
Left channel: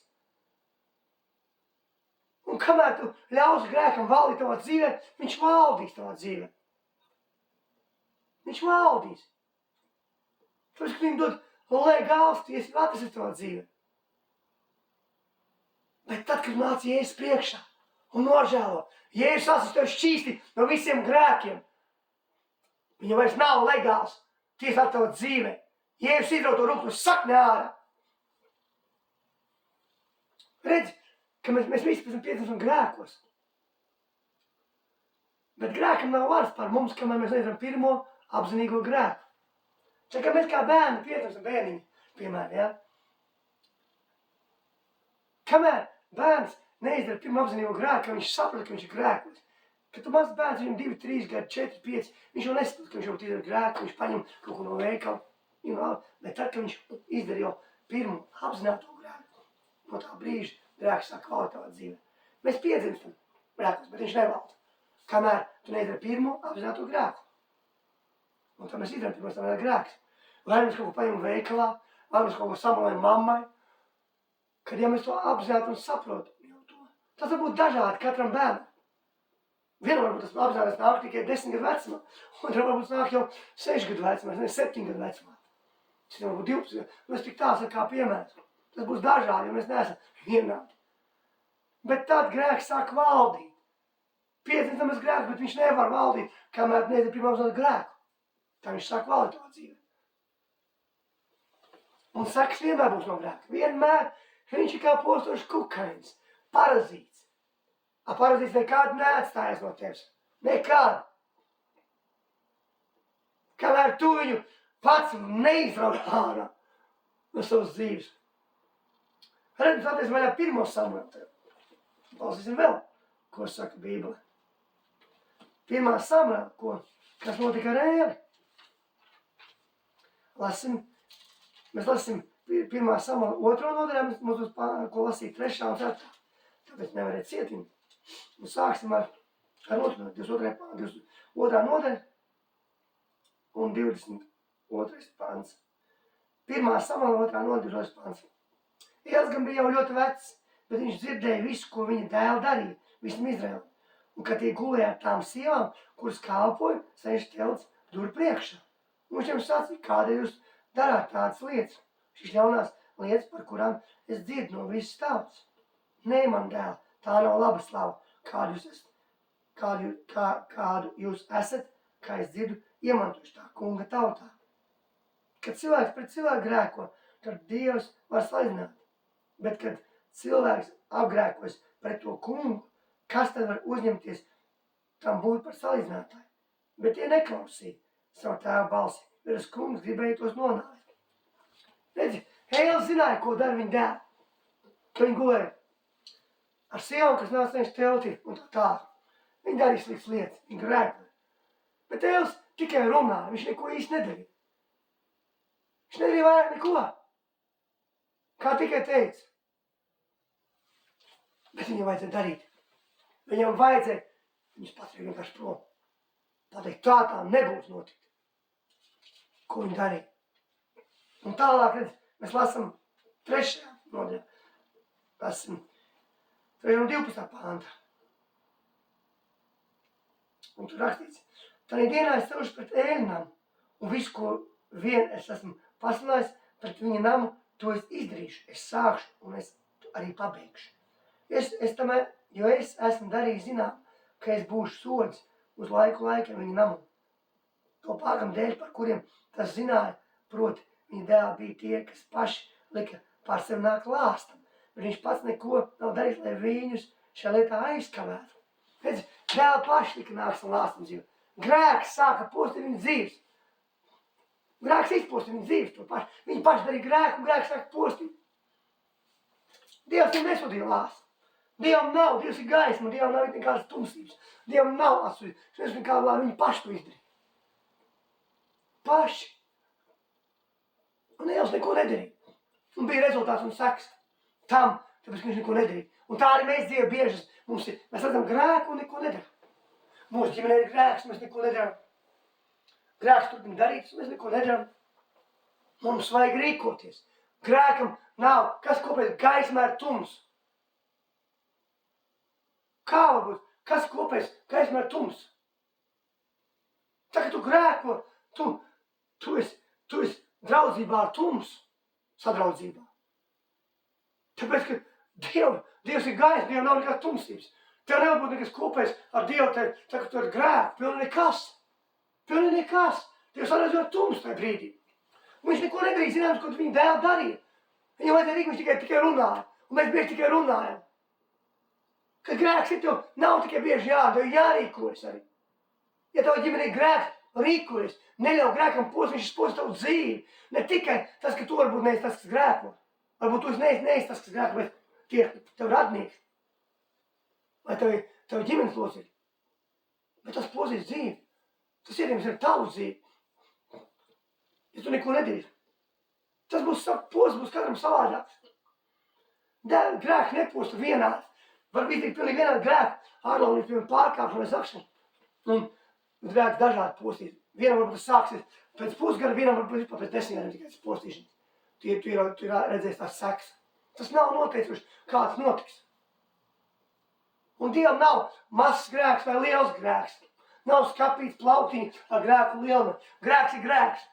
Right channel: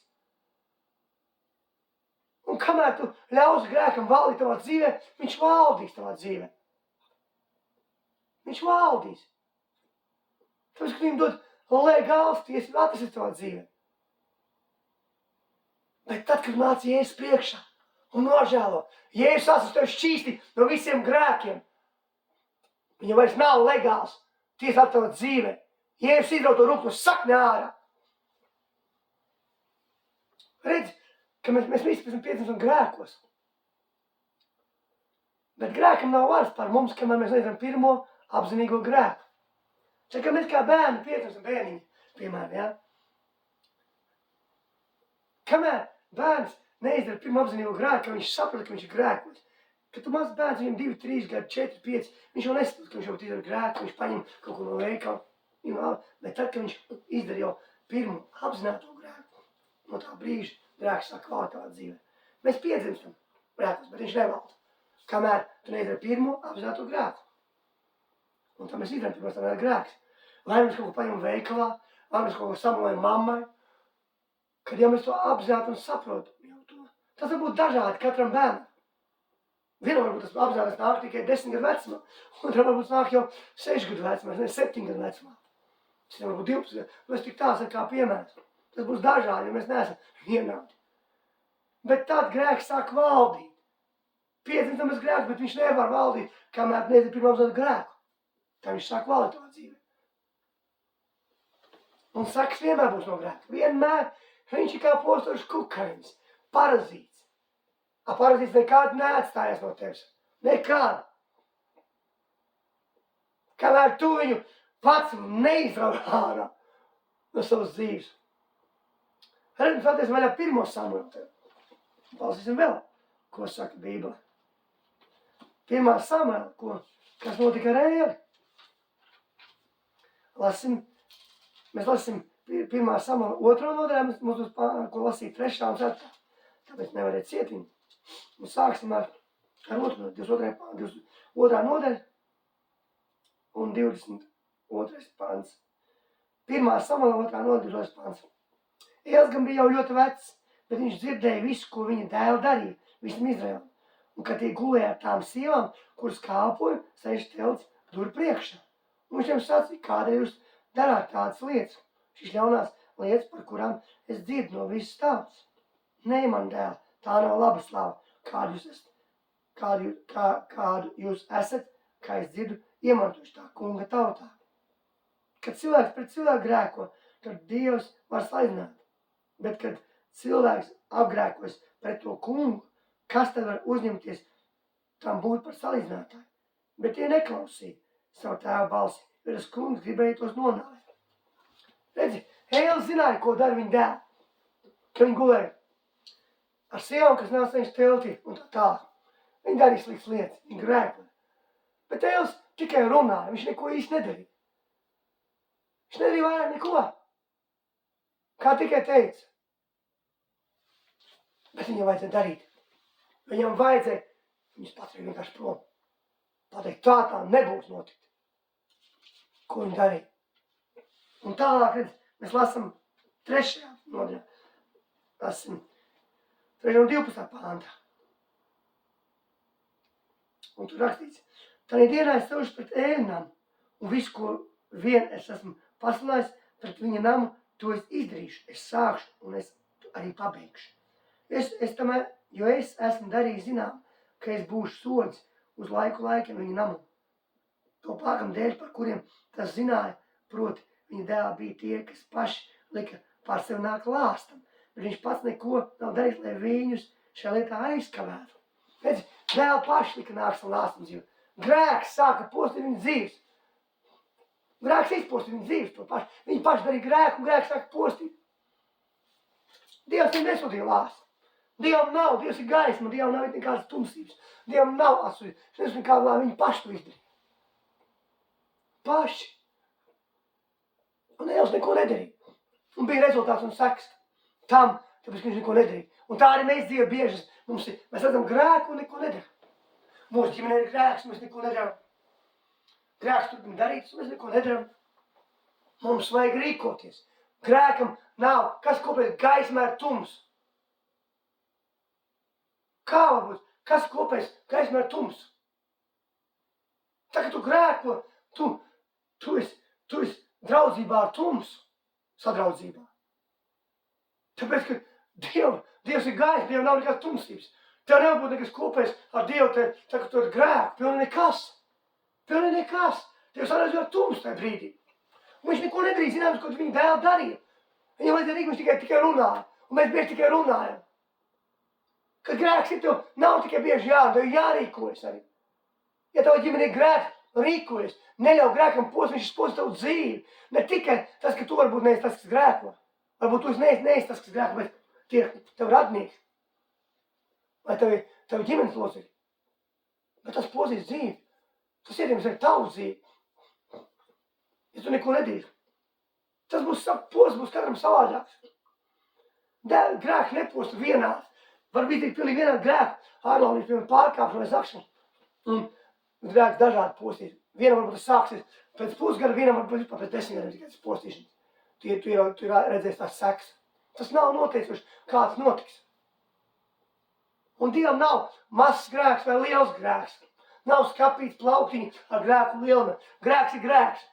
Un kamēr tu ļausi grēkam valdīt tavā dzīvē, viņš valdīs tavā dzīvē. Viņš valdīs. Tāpēc, ka viņam dod legāls tiesību atrast tavā dzīvē. Bet tad, kad nāc Jēzus priekšā un nožēlo, Jēzus asins tev šķīsti no visiem grēkiem. Viņam vairs nav legāls tiesāt tavā dzīvē. Jēzus izraut to rūktu sakni ārā. Redzi, ka mēs visi pēc tam piedzimstam grēkos. Bet grēkam nav varas pār mums, kamēr mēs neizdarām pirmo apzinīgo grēku. Kā mēs kā bērni piedzimstam bērniņi, piemēram, ja? Kamēr bērns neizdara pirmo apzinīgo grēku, ka viņš saprot, ka viņš ir grēkos. Kad tu mazs bērns, viņam 2, 3 gadi, 4, 5, viņš jau nesaprot, ka viņš jau izdara grēku, viņš paņem kaut ko no veikala. Bet tad, kad viņš izdara jau pirmo apzināto grēku, no tā brīža grēks sāk valdīt tavā dzīvē. Mēs piedzimstam grēkos, bet viņš nevalda. Kamēr tu neizdara pirmo apzināto grēku. Un tā mēs izdarām pirmos tam grēks. Vai mēs kaut ko paņemam veikalā, vai mēs kaut ko samalējam mammai, kad ja mēs to apzināti un saprotam jau to. Tas var būt dažādi katram bērnam. Vienam varbūt tas apzināties nāk tikai 10 gadu vecumā, otram varbūt nāk jau 6 gadu vecumā, 7 gadu vecumā. Citam varbūt 12 gadu. Mēs tik tās kā piemērs. Tas būs dažādi, jo mēs neesam vienādi. Bet tad grēks sāk valdīt. Piedzimstamies grēks, bet viņš nevar valdīt, kamēr neizdara pirmo apzinātu grēku. Tā viņš sāk valdīt tavā dzīvē. Un sekas vienmēr būs no grēka. Vienmēr viņš ir kā postošs kukainis, parazīts. Parazīts nekad neatstājas no tevis. Nekad. Kamēr tu viņu pats neizrauj ārā no savas dzīves. Redz, mēs atties vaļā 1. Samuēlu. Palsīsim vēl, ko saka Bībele. 1. Samuēlu, kas notika ar Ēli. Mēs lasīsim 1. Samuēlu 2. nodaļā, mums būs ko lasīt 3. un 4. Tāpēc nevariet cietīt. Un sāksim ar 22. nodaļa un 22. pants. 1. Samuēla 2. nodaļa 22. pants. Ēlis gan bija jau ļoti vecs, bet viņš dzirdēja visu, ko viņa dēli darīja, visam Izraēlam. Un kad tie gulēja ar tām sievām, kuras kalpoja, sēž telts durvju priekšā. Un viņš tiem sacīja, kādēļ jūs darāt tādas lietas, šīs ļaunās lietas, par kurām es dzirdu no visas tautas. Nē, man dēl, tā nav laba slava, kādu jūs esat, kā es dzirdu, iemantojuši tā kunga tautā. Kad cilvēks pret cilvēku grēko, tad Dievs var salīdzināt. Bet, kad cilvēks apgrēkojas pret to kungu, kas tad var uzņemties tam būt par salīdzinātāju? Bet tie neklausīja savu tēvu balsi, jo tas kungs gribēja tos nonāvēt. Redzi, Ēlis zināja, ko dara viņa dēli, ka viņi gulēja ar sievām, kas nāca viņš teltī un tā. Viņi darīja sliktas lietas, viņi grēkoja. Bet Ēlis tikai runāja, viņš neko īsti nedarīja. Viņš nedarīja vairāk neko. Kā tikai teica. Bet viņam vajadzēja darīt. Viņam vajadzēja, viņus paturēja vienkārši prom. Pateikt, tā nebūs notikt. Ko viņi darīja. Un tālāk, redz, mēs lasam 3. nodaļā. Lasam 3. un 12. pāntā. Un tur rakstīts, tādā dienā es celšu pret ēļnām, un visu, ko vien es esmu pasludinājis pret viņa namu, to es izdarīšu, es sākšu un es arī pabeigšu. Jo es esmu darījis zinām, ka es būšu sods uz laikiem viņa namu. To pārkam dēļ, par kuriem tas zināja, proti viņa dēli bija tie, kas paši lika pār sevi nāk lāstam, bet viņš pats neko nav darījis, lai viņus šajā lietā aizkavētu. Redz, dēli paši lika nāk savu lāstam dzīvi. Grēks sāka postīt viņa dzīves. Grēks izpostīt viņa dzīves to paši. Viņi paši darīja grēku, un grēks sāka postīt. Dievs viņam nesūtīja lāstu. Dievam nav, Dievs ir gaisma, Dievam nav nekādas tumsības. Dievam nav atsūtīt. Viņš nekādā lā, viņi paši to izdarīja. Paši. Un Dievs neko nedarīja. Un bija rezultāts un seks tam, tāpēc, ka viņš neko nedarīja. Un tā arī mēs Dievu bieži mums ir. Mēs redzam grēku un neko nedaram. Mūsu ģimenē ir grēks, mēs neko nedaram. Grēks turpina darīts, mēs neko nedaram. Mums vajag rīkoties. Grēkam nav. Kas kopēs gaismā ir tums? Kā varbūt? Kas kopēs gaismā ir tums? Tā, ka tu grēko, tu esi draudzībā ar tums, sadraudzībā. Tāpēc, ka Dievs ir gaisma, Dievam nav nekādas tumsības. Tev nevar būt nekas kopējs ar Dievu, tā, ka tu esi grēku, pilnīgi nekas. Pilnīgi nekas. Dievs arī ar tums tajā brīdī. Un viņš neko nedarīja, zināms, ko viņa dēli darīja. Viņam vajadzēja rīk, viņš tikai runāja. Un mēs bieži tikai runājam. Kad grēks ir tev, nav tikai bieži tev jārīkojas arī. Ja tev ģimene ir grēks, rīkojas. Neļauj grēkam viņš post tavu dzīvi. Ne tikai tas, ka tu varbūt neesi tas, kas grēko. Varbūt tu neesi tas, kas grēko, bet tie tev radnieki. Vai tev ģimenes locekļi. Bet tas pozīs dzīvi. Tas ietekmēs arī tavu dzīvi. Ja tu neko nedarīsi. Tas būs katram savādāks. Grēks neposta vienādi. Var būt pilnīgi vienādi grēki. Ārlaunības, piemēram, pārkāpšana vai zakšana. Un grēks dažādi postīt. Vienam varbūt tas sāksies pēc pusgada, vienam varbūt pēc 10 gadiem tikai tas postīšanas. Tu ir redzējis tās seks. Tas nav noteicoši, kā tas notiks. Un Dievam nav mazs grēks vai liels grēks. Nav skapīts plauktiņi ar grēku lielumā. Grēks ir grēks.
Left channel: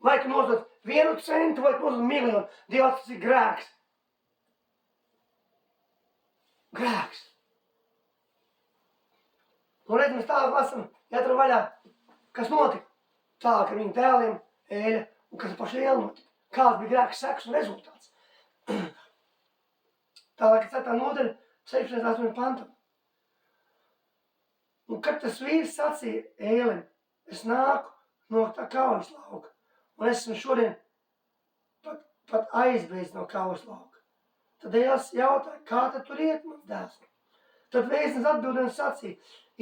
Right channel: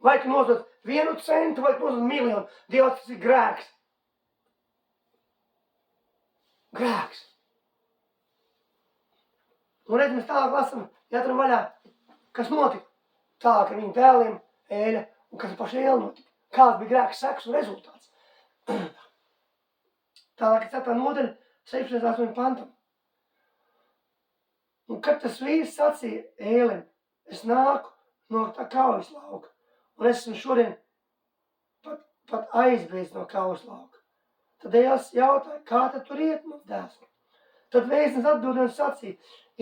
Vai tu nodod 1 centu, vai tu nodod 1 miljonu. Dievs, tas ir grēks. Grēks. Un redz, mēs tālāk lasam, jāatram vaļā, kas notika. Tālāk ar viņu dēliem, Ēļa, un kas ar pašu Ēli notika. Kāds bija grēks seks un rezultāts. Tālāk ir 4. nodaļa, 16. pantam. Un kad tas vīrs sacīja Ēlim, es nāku no tā kaujas lauka, un esmu šodien pat aizbēdz no kaujas lauka. Tad Ēlis jautāja, kā tad tur iet, mans dēls? Tad vēstnes atbildēja un sacīja,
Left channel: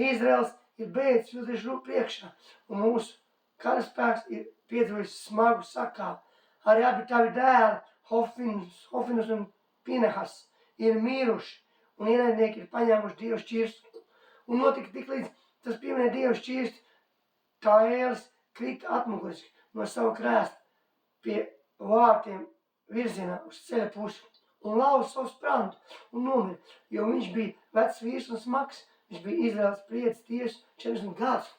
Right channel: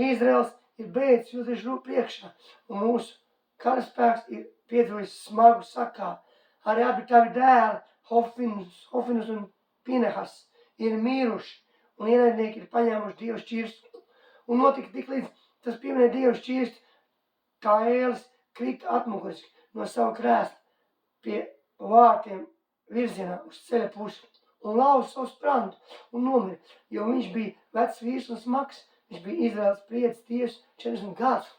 Izraels ir bēdz jūtieši priekšā, un mūsu karaspēks ir piedzīvojis smagu sakāvu. Arī abi tavi dēli, Hofinus un Pinehas, ir mīruši, un ienaidnieki ir paņēmuši Dievu šķirstu. Un notika tik līdz tas pieminēja Dievu šķirstu, kā Ēlis krita atmuguriski no savu krēstu pie vārtiem virzienā uz ceļa pusi un lauza savu sprandu un nomira, jo viņš bija vecs vīrs un smags. Viņš bija Izraels priedis tieši 40 gadus.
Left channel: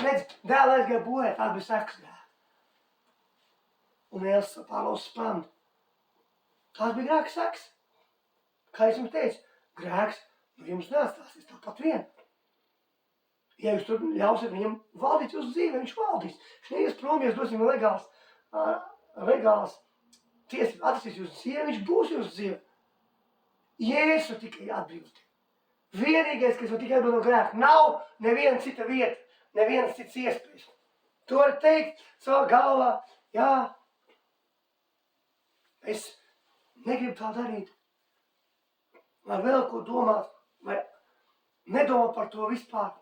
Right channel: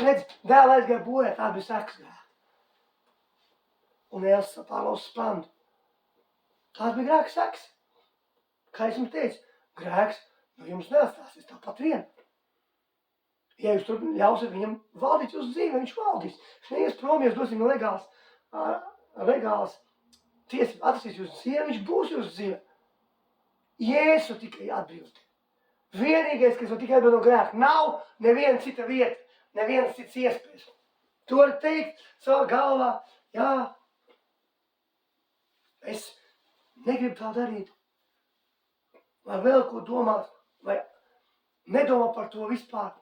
Redz, dēli aizgāja bojā, tā bija sekas grēka. Un Ēlis pārlauza sprandu. Tās bija grēka sekas. Kā es jums teicu, grēks no jums neatstāsies tāpat vien. Ja jūs tur ļausiet viņam valdīt jūsu dzīvē, viņš valdīs. Viņš neies prom, ja jūs dosim legāls tiesības atrasties jūsu dzīvē, viņš būs jūsu dzīvē. Jēzu tikai atbrīvot. Vienīgais, kas var tikai atbrīvot no grēka, nav neviena cita vieta, nevienas cits iespējas. To var teikt savā galvā, jā, es negribu tā darīt. Vai vēl ko domāt, vai nedomā par to vispār.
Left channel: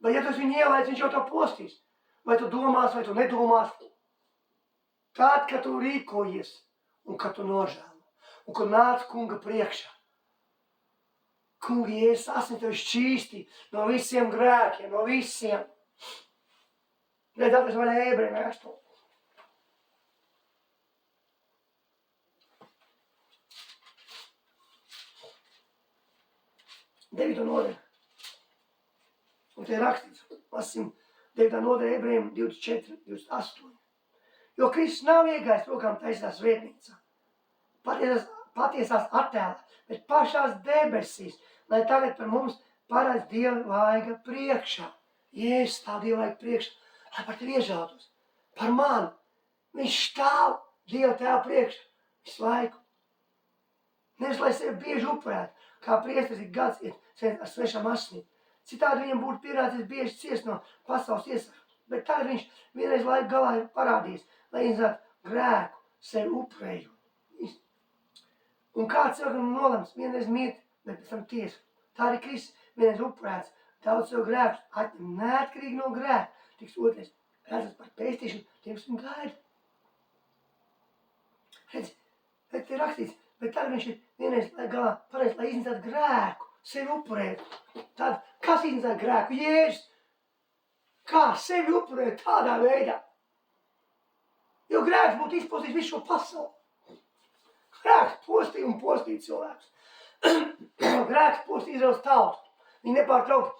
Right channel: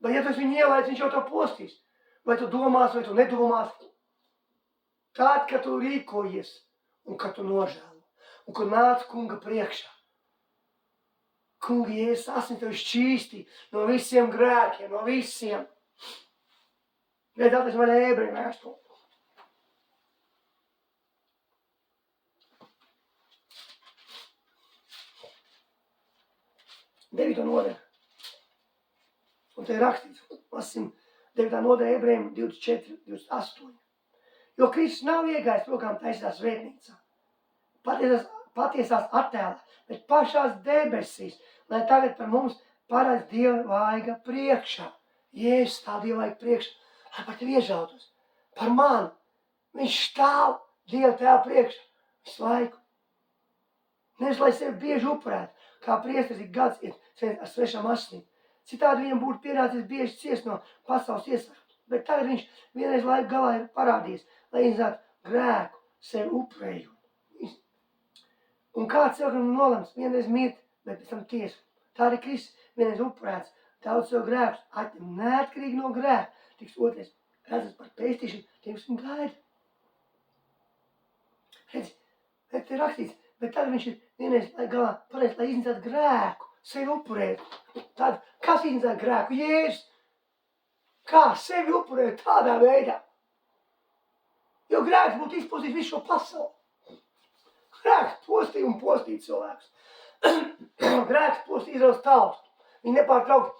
Vai ja tas viņu ielaic, viņš jau tā postīs. Vai tu domās, vai tu nedomās. Tad, kad tu rīkojies un kad tu nožēlo. Un kad nāc kunga priekšā. Kunga, Jēzus asins tevi šķīstī no visiem grēkiem, no visiem. Redz, atnes man Ebreju vēstuli. Devīto nodaļu. Un te ir rakstīts, lasim 9. nodaļa Ebrejiem 24, 28. Jo Kristus nav iegājis rokām taisās svētnīcā, patiesās attēlā, bet pašās debesīs, lai tagad par mums parāds Dieva vaiga priekšā. Jēzus stāv Dieva vaiga priekšā, lai par tevi iežautos, par mani. Viņš stāv Dieva tēva priekšā visu laiku. Nevis, lai sevi bieži upurētu, kā priesteris ik gads iet ar svešām asinīm. Citādi viņam būtu pienācis bieži ciest no pasaules iesakām. Bet tagad viņš vienreiz laiku galā ir parādījis, lai iznātu grēku sevi upurējot. Un kāds cilvēkam nolems vienreiz mirt, bet pēc tam tiesu. Tā arī Kristus vienreiz upurēts, daudz sev grēkus atņem neatkarīgi no grēka. Tiks otrais redzes par pestīšanu, tiem, kas viņu gaida. Redzi, te ir rakstīts, bet tagad viņš ir vienreiz laiku galā pareiz, lai iznātu grēku sevi upurēt. Tad, kas iznāca grēku? Jēzus. Kā sevi upurēt tādā veidā? Jo grēks būtu izpostījis visu šo pasauli. Grēks postīja un postīja cilvēks. Grēks postīja Izraels tautu. Viņi nepārtraukti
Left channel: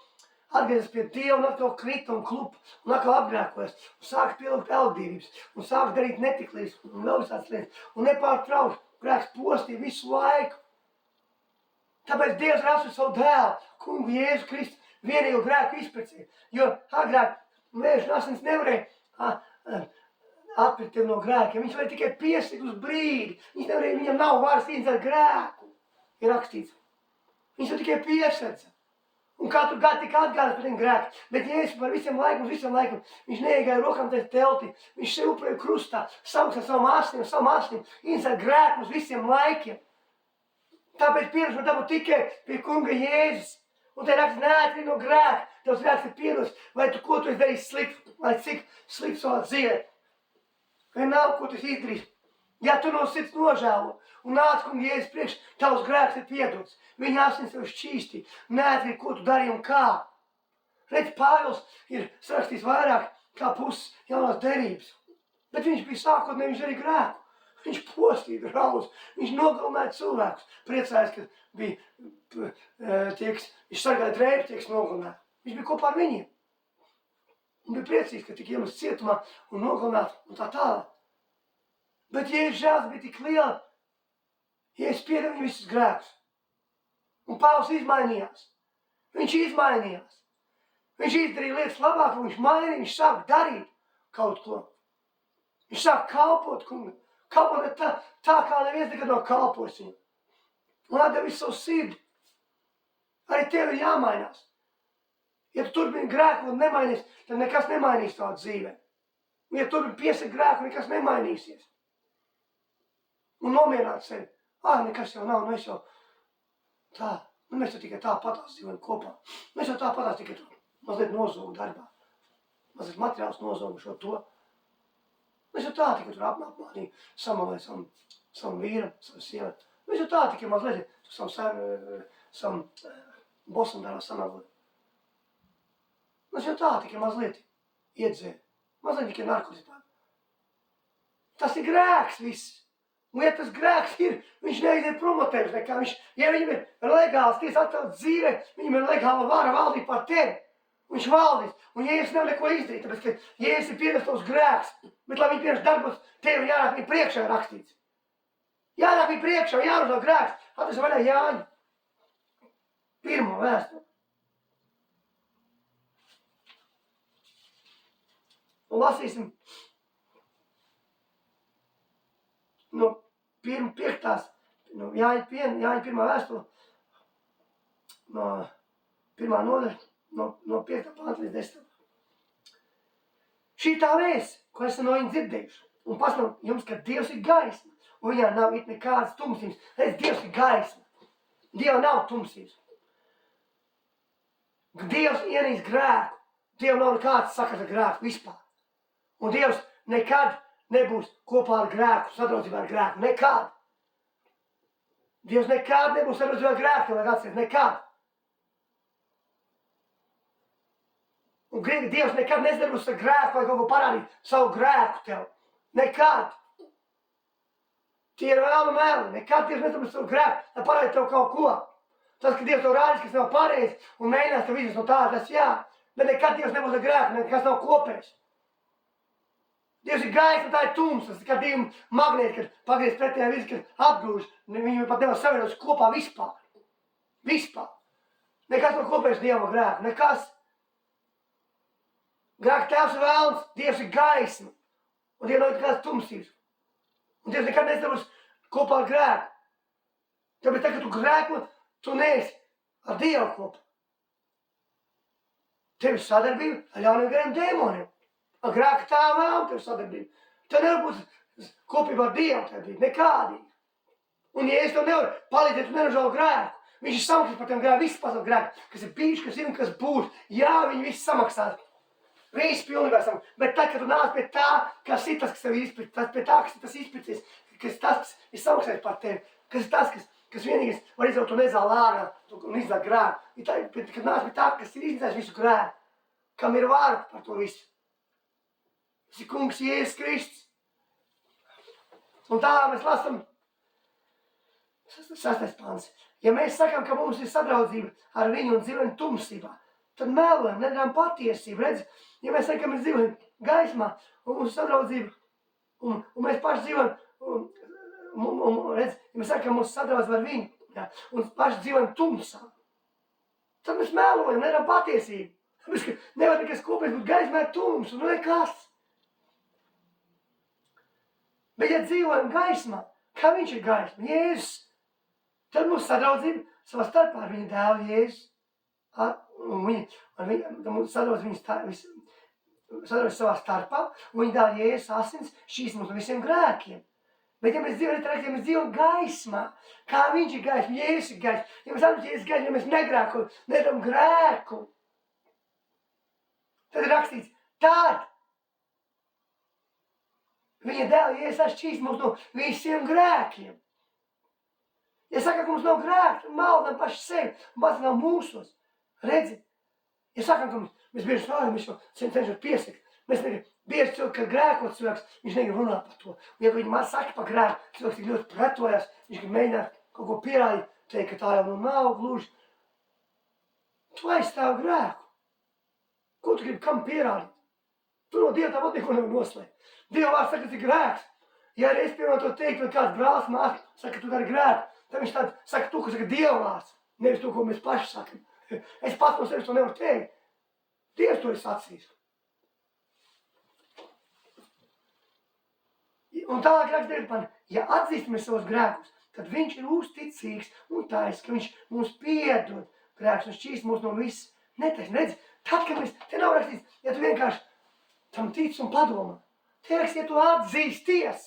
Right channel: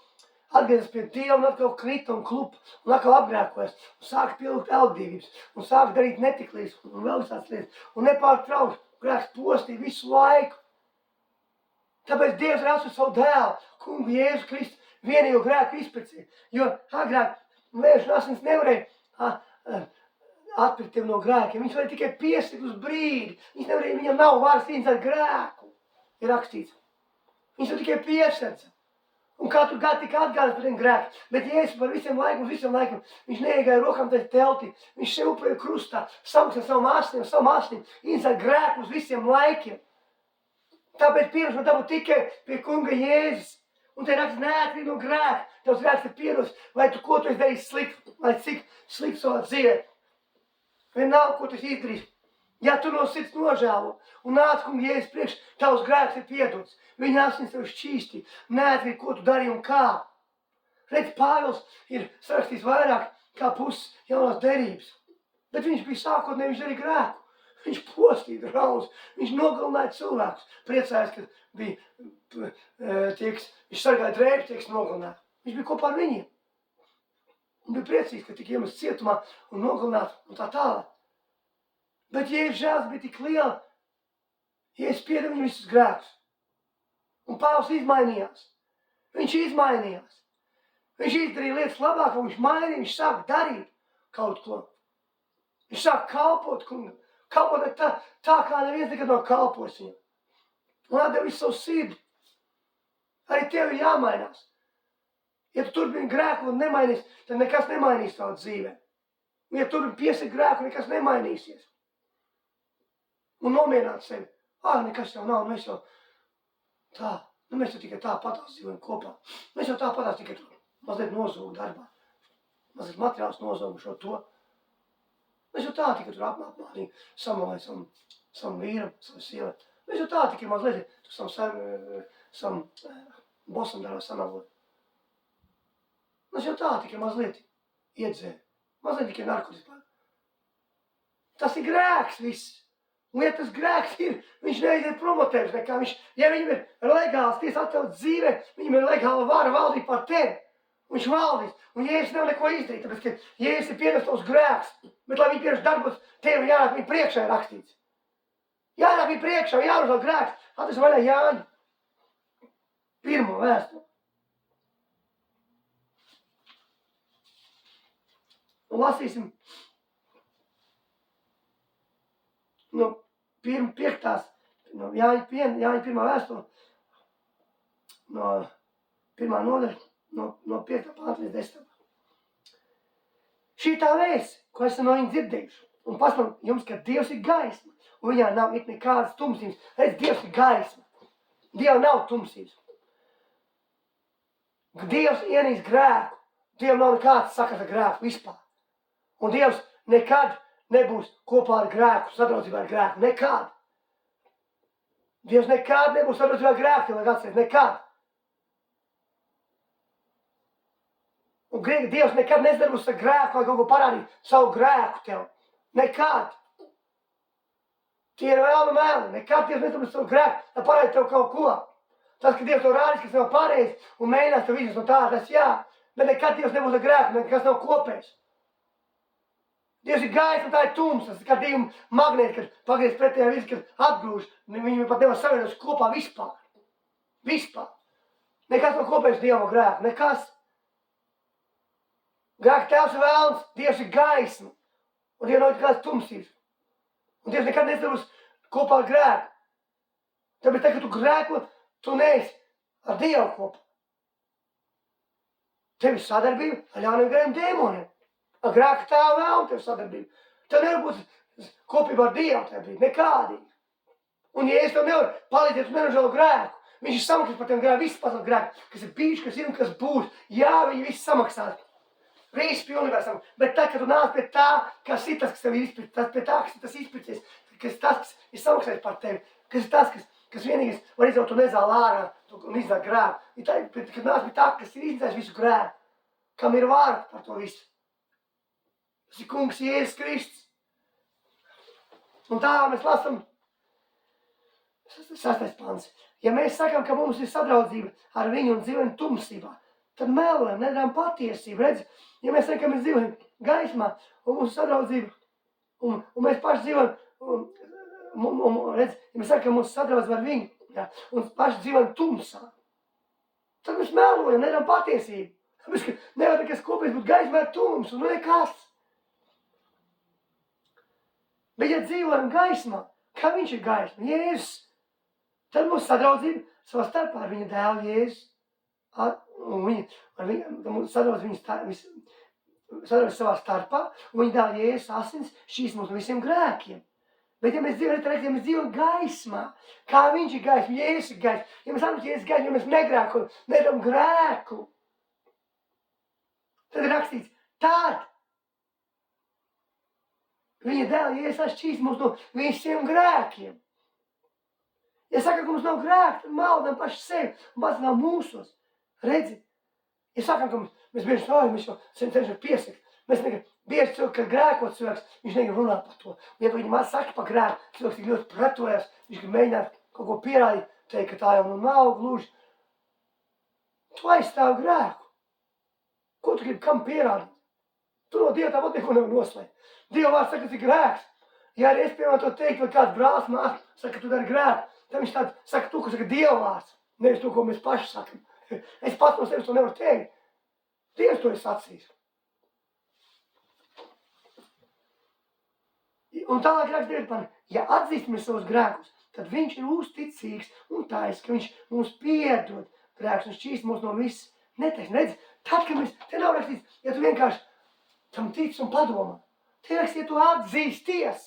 atgriezās pie Dieva un atkal krita un klupa un atkal apgrēkojas. Un sāka pielūgt elgdīvības un sāka darīt netiklības un vēl visādas lietas. Un nepārtraukti grēks postīja visu laiku. Tāpēc Dievs ir atsūtījis savu dēlu, kungu Jēzu Kristu, vienīgo grēku izpircēju. Jo agrāk vēža un asins nevarēja atpirkt tevi no grēkiem. Viņš varēja tikai piestikt uz brīdi. Viņam nav varas cīnīties ar grēku, ir rakstīts. Viņš jau tikai piesedza. Un katru gadu tika atgādāts par tiem grēkiem. Bet Jēzus par visiem laikiem, viņš neiegāja rokām tajā teltī. Viņš sev upurēja krustā, samaksāja savam asnim, iznāca grēku uz visiem laikiem. Tāpēc piedošana dabūt tikai pie kunga Jēzus. Un te raksts neatkarīgi no grēka. Tavs grēks ir piedots, vai tu ko tu esi darījis slikti, vai cik slikti savā dzīvē. Vienalga, ko tu esi izdarījis. Ja tu no sirds nožēlo un nāc kunga Jēzus priekš, tavs grēks ir piedots. Viņa asins tev šķīstīja, neatkarīgi, ko tu darīji un kā. Redz, Pāvils ir sarakstījis vairāk kā puses jaunās derības. Bet viņš bija sākotnēji, viņš darīja grēku. Viņš postīja draudz, viņš nogalināja cilvēkus. Priecājās, ka bija viņš sargāja drēbes, tie, kas nogalināja. Viņš bija kopā ar viņiem. Un bija priecīgs, ka tika iemests cietumā un nogalināts un tā tālāk. Bet Jēzus žēls bija tik liela, Jēzus piedeva viņam visus grēkus. Un Pāvils izmainījās. Viņš izmainījās. Viņš izdarīja lietas labāk, un viņš mainīja, viņš sāk darīt kaut ko. Viņš sāk kalpot kungam. Kalpot tā kā neviens nekad nav kalpojis viņam. Un atdeva visu savu sirdi. Arī tev ir jāmainās. Ja tu turpini grēku un nemainīs, tad nekas nemainīs tavā dzīvē. Un ja turpini piesakt grēku, nekas nemainīsies. Un nomierināt sevi. Nekas jau nav, mēs jau tā. Mēs jau tikai tā patās dzīvojam kopā. Mēs jau tā patās tikai tur mazliet nozūgu darbā. Mazliet materiāls nozūgu šo to. Mēs jau tā tikai tur apmānīgi samalēt savam vīram, savam sievai. Mēs jau tā tikai mazliet savam bosam darbā samalēt. Mēs jau tā tikai mazliet iedzēr. Mazliet tikai narkotikā. Tas ir grēks viss. Un ja tas grēks ir, viņš neiziet promotēvis nekā. Ja viņam ir legāls tiesa atvēlēt dzīvē, viņam ir legāla vara valdīt par tevi. Viņš valdīs. Un Jēzus nevar neko izdarīt, tāpēc, ka Jēzus ir pienes tos grēks. Bet, lai viņi pienes darbos, tevi jārāk viņa priekšā ir rakstīts. Jārāk viņa priekšā, jāuzvēl grēks. Atvesim vaļā Jāņa. 1. vēstuli. Un lasīsim no Jāņa 1. vēstuli, no 1. nodaļa, no 5. panta līdz 10. Šī tā vēsts, ko esam no viņa dzirdējuši, un paslam jums, ka Dievs ir gaisma, un viņā nav it nekādas tumsības. Redz, Dievs ir gaisma. Dievam nav tumsības. Dievs ienīst grēku. Dievam nav nekāds sakars ar grēku vispār. Un Dievs nekad nebūs kopā ar grēku, sadraudzībā ar grēku. Nekad. Dievs nekad nebūs sadraudzībā ar grēku, tev vajag atcerēt. Nekad. Un Dievs nekad nesadarbos ar grēku vai kaut ko parādīt savu grēku tev. Nekad. Tie ir vēlni mēli. Nekad Dievs nesadarbos savu grēku, lai parādīt tev kaut ko. Tas, ka Dievs tev rādīs, kas tev pareizi un mēģinās tev izvest no tā, tas jā. Bet nekad Dievs nebūs ar grēku, nekas nav kopējs. Dievs ir gaisma, tā ir tumsa. Tas ir kā divi magnēti, kad pagriez pretējā virzi, kad atgrūž. Viņi pat nevar savienot kopā vispār. Vispār. Nekas nav kopējs Dievam ar grēku. Nekas. Grēka tēvs ir vēlns, Dievs ir gaisma. Un Dievam nav nekādas tumsības. Un Dievs nekad nesadarbos kopā ar grēku. Tāpēc, kad tu grēko, tu neesi ar Dievu kopā. Tev ir sadarbība ar ļauniem gariem dēmoniem. Ar grēka tēvu vēlmu tev sadarbība. Tev nevar būt kopībā ar Dievu tajā brīdī. Nekādīgi. Un ja es tev nevaru palīdzēt, tu nenožēlo grēku. Viņš ir samaksājis par tiem grēku, visu pasaules grēku, kas ir bijuši, kas ir un kas būs. Jā, viņi visi samaksās. Viss pilnībā samaksās. Bet tad, kad tu nāc pie tā, kas ir tas, kas tev ir izpircis, tas pie tā, kas ir tas izpircis, kas ir tas, kas ir samaksājis par tevi, kas ir tas, kas vienīgais var izdaut to nezāli ārā un izdāt grēku. Kad nāc pie tā, kas ir izdzēs visu grēku, kam ir vārdi par to visu. Tas ir kungs Jēzus Kristus. Un tā mēs lasam 6. pants. Ja mēs sakam, ka mums ir sadraudzība ar viņu un dzīvojam tumsībā, tad melojam, nedarām patiesību. Redzi, ja mēs sakam, ka mēs dzīvojam gaismā un mums ir sadraudzība un mēs paši dzīvojam, redzi, ja mēs sakam, ka mums ir sadraudzība ar viņu, ja, un paši dzīvojam tumsā, tad mēs melojam, nedarām patiesību. Tāpēc, ka nevar nekas kopējs būt gaismā ar tumsu, nu nekas. Bet ja dzīvojam gaismā, kā viņš ir gaisma, Jēzus, tad mūsu sadraudzība savā starpā ar viņa dēlu Jēzus. Mūsu sadraudzība savā starpā, un viņa dēlu Jēzus asins šīs mums no visiem grēkiem. Bet ja mēs dzīvojam gaismā, kā viņš ir gaisma, Jēzus ir gaisma, ja mēs atzīstam Jēzus gaismu, ja mēs negrēkojam, nedaram grēku, tad ir rakstīts, tad viņa dēla Jēzus atšķīs mums no visiem grēkiem. Ja sakam, ka mums nav grēka, tad maldam paši sevi un pacinām mūsos. Redzi? Ja sakam, ka mēs bieži mēs jau cenšamies piesakt. Mēs bieži cilvēki, kad grēkot cilvēks, viņš negrib runāt par to. Un ja viņi man saka par grēku, cilvēks tik ļoti pretojas, viņš grib mēģināt kaut ko pierādīt, teikt, ka tā jau nav gluži. Tu aizstāv grēku. Ko tu gribi kam pierādīt? Tu no Dieva tāpat neko nevar noslēgt. Dieva vārds saka, tas ir grēks. Ja arī es piemēram to teiktu, vai kāds brālis man saka, ka tu dari grēku, tad viņš tādu saka to, ko saka Dieva vārds, nevis to, ko mēs paši sakam. Es pats no sevis to nevaru teikt. Dievs to ir sacījis. Un tālāk raksta 9. Ja atzīstamies savus grēkus, tad viņš ir uzticīgs un taisnīgs, ka viņš mums piedod grēkus un šķīst mūs no visas netaisnības. Redz, tad, kad mēs, te nav rakstīts, ja tu vienkārši tam tic un padomā, te rakstīts, ja tu atzīsties,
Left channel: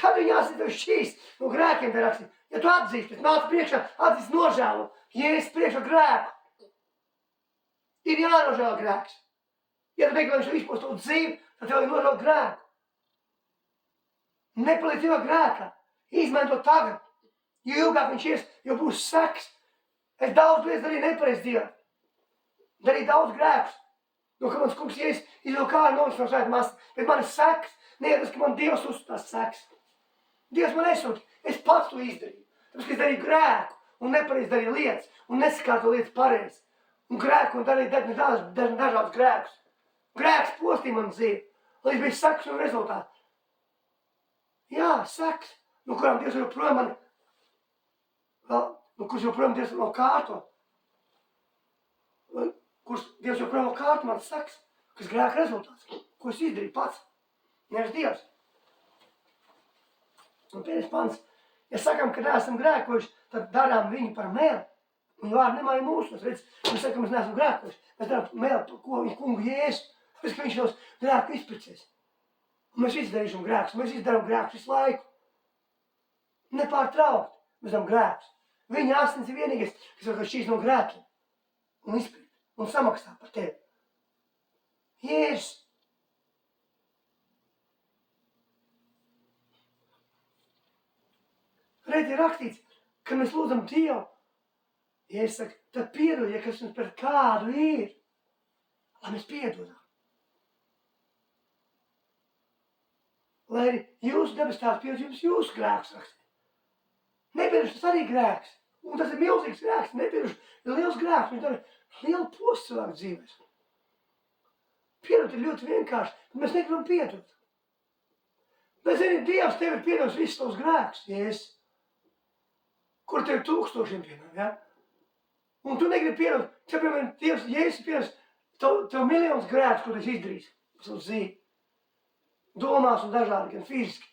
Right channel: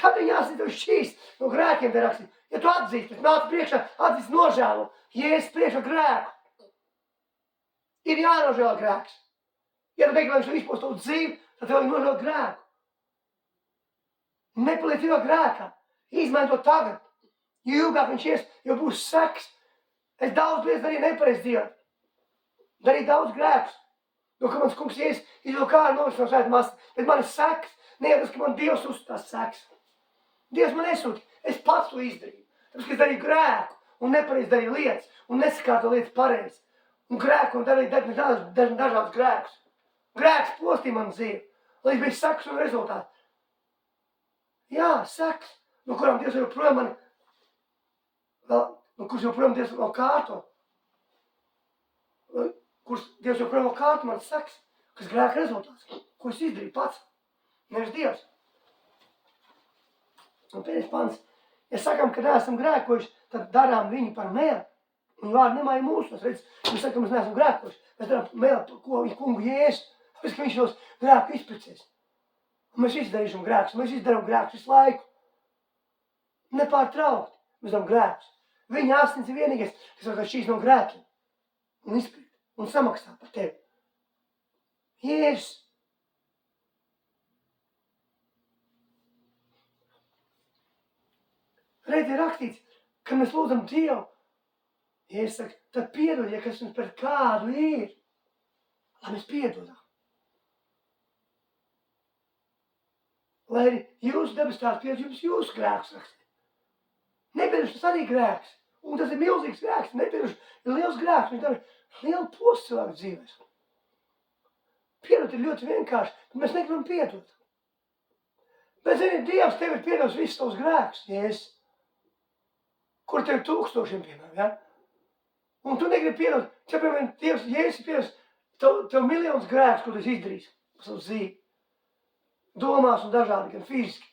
tad ir jāsīt tev šķīst no grēkiem, te rakstīts. Ja tu atzīsties, nāc priekšā, atzīst nožēlo, Jēzus priekšā grēku. Ir jānožēlo grēks. Ja tu meklē šo izpostu dzīvi, tad tev ir nožēlo grēku. Nepaliec ilgāk grēkā. Izmaini to tagad. Jo ilgāk viņš ies, jo būs seks. Es daudz lietas darīju nepareizi dzīvē. Darīju daudz grēkus. No ka mans kungs Jēzus izvilka kāju no svētā masta. Bet man ir seks. Ne jau tas, ka man Dievs uzstās seks. Dievs man nesūta. Es pats to izdarīju. Tāpēc, ka es darīju grēku un nepareizi darīju lietas un nesakārto lietas pareizi. Un grēku un darīju dažādus grēkus. Grēks postīja man dzīvi. Līdz bija seks un rezultāti. Jā, seks, no kurām Dievs joprojām mani, kurš joprojām Dievs vēl kārto. Kurš Dievs joprojām vēl kārto man seks, kas grēka rezultāts. Ko es izdarīju pats? Nevis Dievs. Un pēdējais pants. Ja sakam, ka neesam grēkojuši, tad darām viņu par meli. Un vārdi nemāja mūsos. Redz, mēs sakam, mēs neesam grēkojuši. Mēs darām meli, ko viņa kungu Jēzus. Tāpēc, ka viņš nos grēku izpircies. Un mēs izdarīšam grēkus. Mēs izdarām grēkus visu laiku. Nepārtraukt. Mēs darām grēkus. Viņa asins ir vienīgais, kas var šīs no grēkiem. Un izpirkt. Un samaksā par tevi. Jēzus. Redz, ir rakstīts, kad mēs lūdzam Dievu, Jēzus saka, tad piedod, ja kas mums pret kādu ir, lai mēs piedodam. Lai arī jūsu debes tēvs piedod jums jūsu grēkus rakstīt. Nepiedošana tas arī grēks. Un tas ir milzīgs grēks, nepiedošana ir liels grēks, viņš dara lielu postu cilvēku dzīvēs. Piedot ir ļoti vienkārši, bet mēs negribam piedot. Bet, zini, Dievs tev ir piedots visus tavus grēkus, Jēzus, kur tev 1000, piemēram, ja? Un tu negribi piedot, piemēram, Dievs, Jēzus ir piedots tev miljonus grēkus, ko tu esi izdarījis pa savu dzīvi. Domās un dažādi, gan fiziski.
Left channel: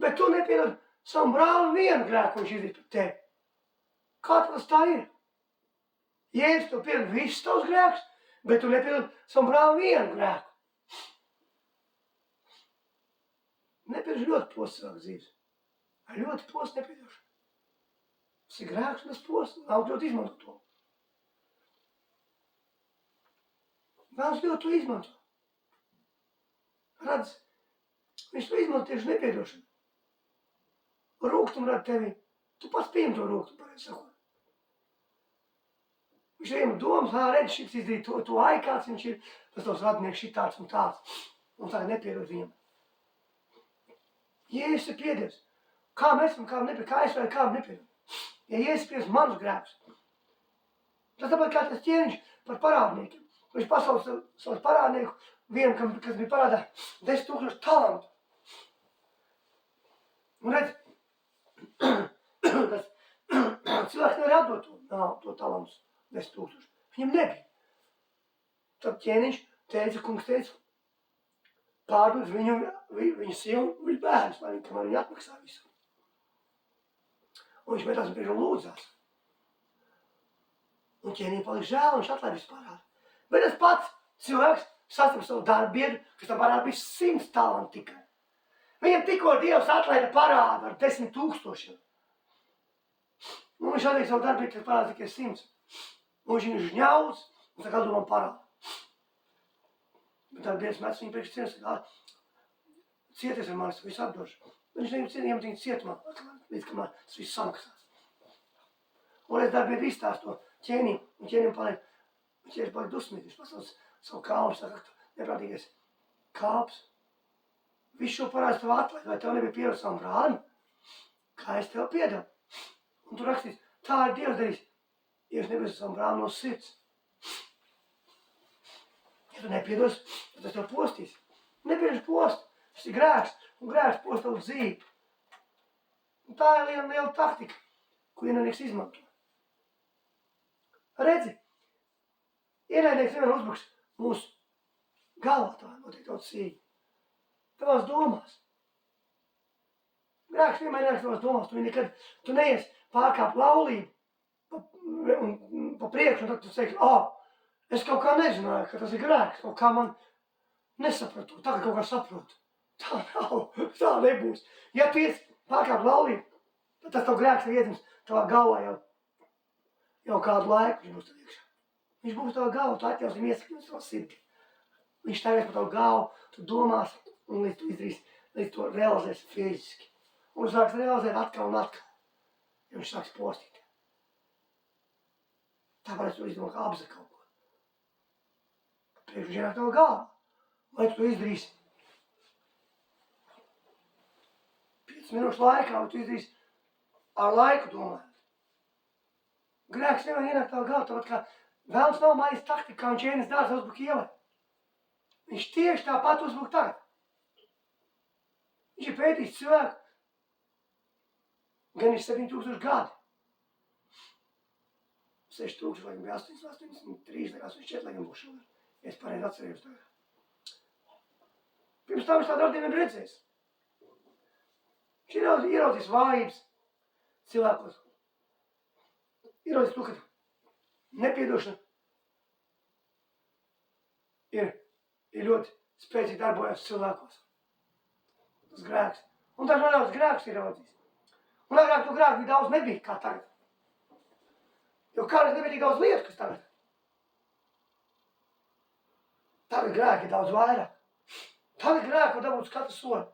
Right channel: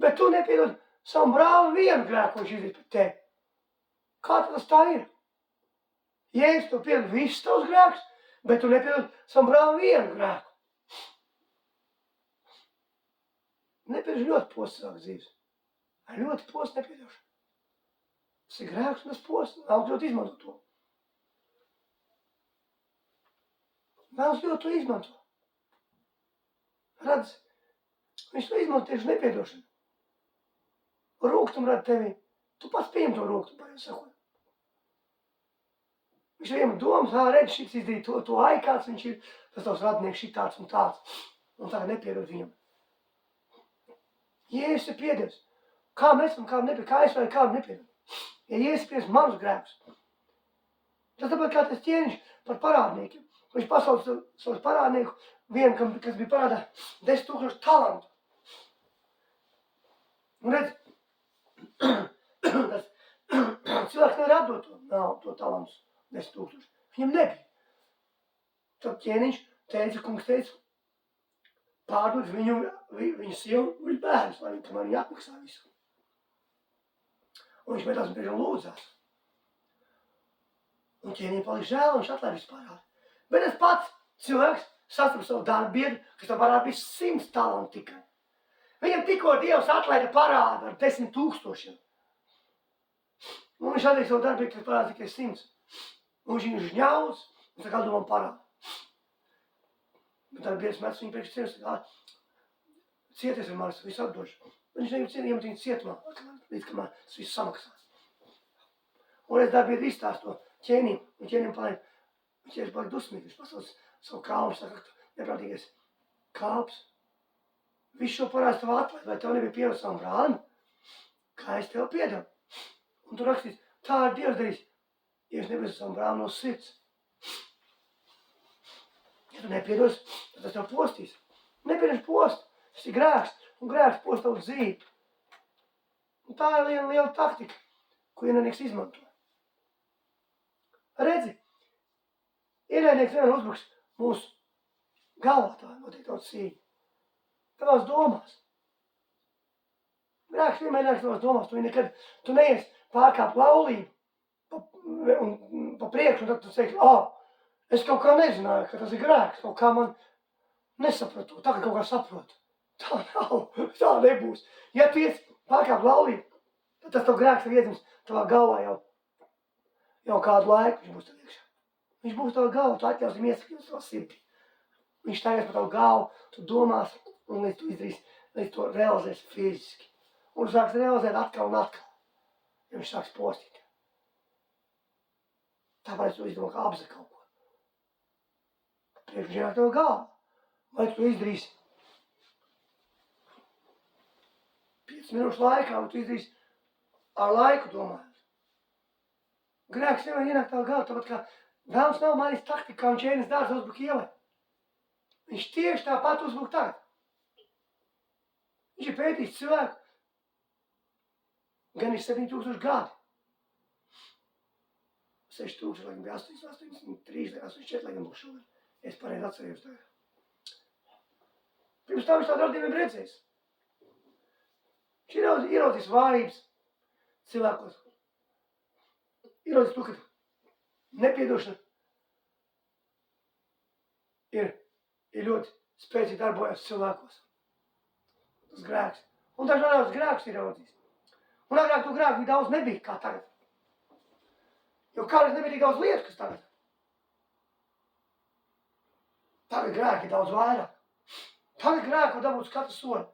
Bet tu nepiedod savam brālim vienu grēku, ko viņš izdarīja pret tevi. Kā tas tā ir? Jēzus tev piedod visus tavus grēkus, bet tu nepiedod savam brālim vienu grēku. Nepiedošana ļoti posts cilvēku dzīves. Ļoti posts nepiedošana. Tas ir grēks un tas posts. Nav ļoti izmanto to. Vēlas ļoti to izmanto. Redz, viņš to izmanto tieši nepiedošanu. Rūgtumu rada tevi. Tu pats pieņem to rūgtumu, pareizi sakot. Viņš vienam domas, redz, šis izdarīja to kāds viņš ir, tas tavs radinieks šitāds un tāds. Un tagad nepiedod viņam. Jēzus ir piedies. Kā mēs varam kādu nepiedod? Kā es varu kādu nepiedod? Ja Jēzus ir piedies manus grēkus. Tas tāpēc kā tas ķēniņš par parādniekiem. Viņš pasauc savus parādnieku, vienu, kas bija parādā 10 000 talantu. Un redz, tas cilvēks nevar atdot to talantus 10 000. Viņam nebija. Tad ķēniņš teica, kungs teica, pārdod viņu sievu, viņu bērnus, kamēr viņi atmaksā visu. Un viņš metās un priekšā lūdzās. Un ķēniņam palika žēl, un viņš atlaid visu parādu. Bet tas pats cilvēks sastaps savu darbiedru, kas tam parādu bija 100 talanti tikai. Viņam tikko Dievs atlaida parādu ar 10 000. Un viņš atliek savu darbiedru, kas parādu tikai 100. Un viņš viņu žņauz, un saka, atdod man parādu. Bet darbiedrs mēs viņu priekš cienu, saka, cieties ar manis, visu atdošu. Viņš nevar iemet viņu cietumā, līdz kamēr tas viss samaksās. Un es darbiedru izstāstu to ķēnim, un ķēnim paliek, viņš paliek dusmīgi, viņš pasauc savu kalnu, saka, neprātīgais kāps. Visu šo parādu tev atlaid, vai tev nebija pierod savam brālim? Kā es tev piedevu? Un tu rakstīs, tā ir Dievs darījis, ja es nebija savam brālim no sirds. Ja tu nepiedos, tad tas tev postīs. Nepiedoši post, tas ir grēks, un grēks post tavu dzīvi. Un tā ir liela taktika, ko ienaidnieks izmanto. Redzi, ienaidnieks vienmēr uzbruks mūsu galvā, tā notiek daudz sīņa. Tavās domās. Grēks vienmēr nāks tavās domās, tu neies pārkāpt laulību pa priekšu, un tad tu teiksi, es kaut kā nezināju, ka tas ir grēks, kaut kā man nesapratu, tagad kaut kā saprotu. Tā nav, tā nebūs. Ja tu ies pārkāpt laulību, tad tas tev grēks ir iedzims tavā galvā jau kādu laiku, viņš būs tev iekšā. Viņš būs tavā galvā, tu atļausim iesakņot savā sirdī. Viņš stāvies par tavu galvu, tu domās, un līdz tu izdarīsi, līdz to realizēsi fiziski. Un tu sāks realizēt atkal un atkal, ja viņš sāks postīt. Tāpēc tu izdomā, kā apzir kaut ko. Priekš viņš ienāk tavā galvā. Vai tu to izdarīsi 5 minūšu laikā, vai tu izdarīsi ar laiku domājot. Grēks nevar ienākt tavā galvā, tāpat kā vēlams nav mainījis taktika, kā viņš ēnes dārza uzbruk ielai. Viņš tieši tāpat uzbruk tagad. Viņš ir pētījis cilvēku gan ir 7000 gadi. 6000, laikam bija 83, 84, laikam būs šodien. Es pareizi atcerējos tagad. Pirms tam es tādu radījumiem redzējis. Viņš ieraudzīs vājības cilvēkos. Ieraudzīs to, ka nepiedošana ir ļoti spēcīgi darbojas cilvēkos. Tas grēks. Un dažādās grēks ir ieraudzījis. Un agrāk to grēku daudz nebija kā tagad. Jo kādreiz nebija tik daudz lietu, kas tagad. Tagad grēki ir daudz vairāk. Tagad grēku var dabūt katru soli.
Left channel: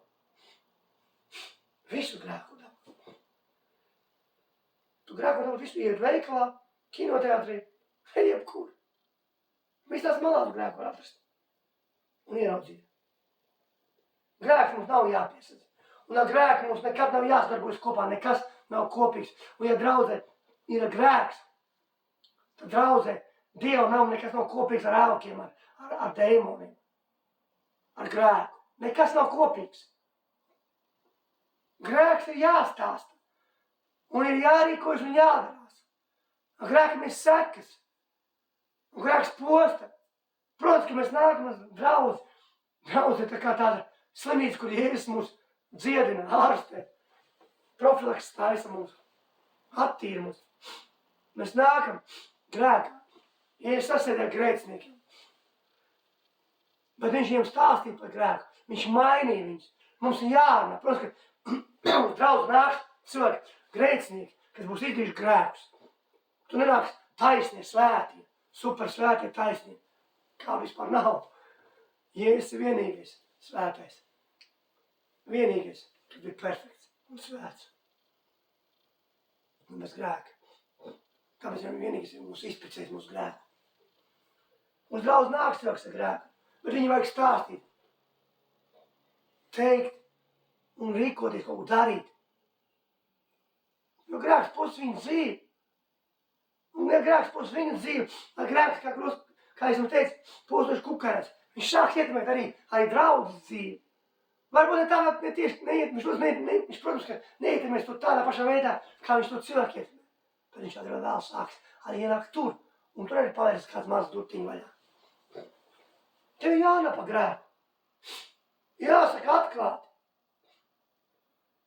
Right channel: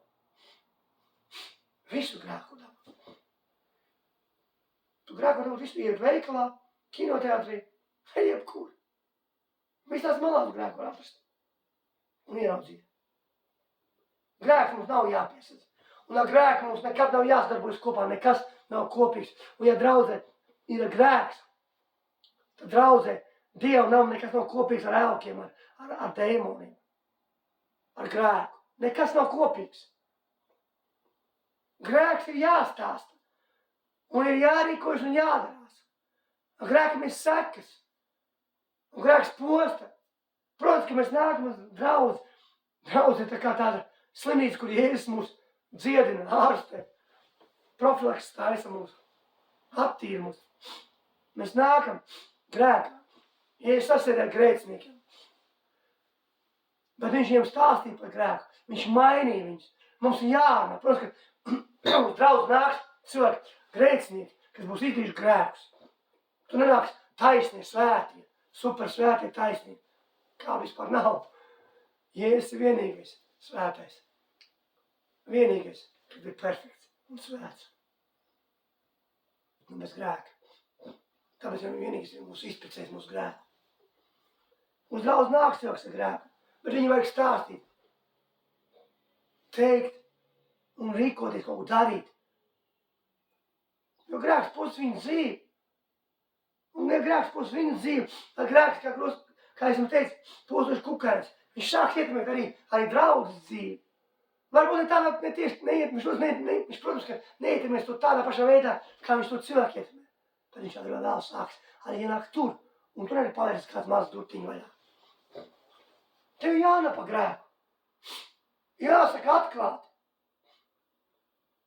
Visu grēku var dabūt. Tu grēku var dabūt visu, iet veikalā, kinoteātrī, jebkur. Viss tās malās grēku var atrast. Un ieraudzīt. Grēks mums nav jāpiesadz. Un ar grēku mums nekad nav jāsadarbojas kopā, nekas nav kopīgs. Un ja draudzē ir grēks, tad draudzē Dievam nav nekas nav kopīgs ar elkiem, ar dēmoniem, ar grēku. Nekas nav kopīgs. Grēks ir jāstāsta. Un ir jārīkojas un jādarās. Ar grēkam ir sekas. Un grēks posta. Protams, ka mēs nākam uz draudzi. Draudzi ir tā kā tāda slimnīca, kur Jēzus mūs dziedina, ārstē. Profilaks taisa mūs. Attīra mūs. Mēs nākam grēkā. Jēzus sasēdē ar grēciniekiem. Bet viņš viņiem stāstīja par grēku. Viņš mainīja viņus. Mums ir jārunā. Protams, ka uz draudzi nāks cilvēki grēcinieki, kas būs izdarījuši grēkus. Tu nenāks taisnie, svētie, super svētie taisnie. Kā vispār nav. Jēzus ir vienīgais svētais. Vienīgais, kas ir perfekts un svēts. Un bez grēka. Tāpēc viņam vienīgais ir mūs izprecējis mūsu grēku. Uz draudzi nāks cilvēks ar grēku, bet viņu vajag stāstīt. Teikt un rīkoties, kaut ko darīt. Jo grēks post viņu dzīvi. Un ja grēks post viņu dzīvi, tad grēks, kā es jums teicu, postoši kukainas. Viņš sāks ietekmēt arī draudzes dzīvi. Varbūt tādā viņš, protams, ka neietekmēs to tādā pašā veidā, kā viņš to cilvēku ietekmē. Tad viņš agrāk vēl sāks arī ienākt tur. Un tur arī pavērst kāds mazs durtiņu vaļā. Tev jāna pa grēku. Jāsaka atklāti.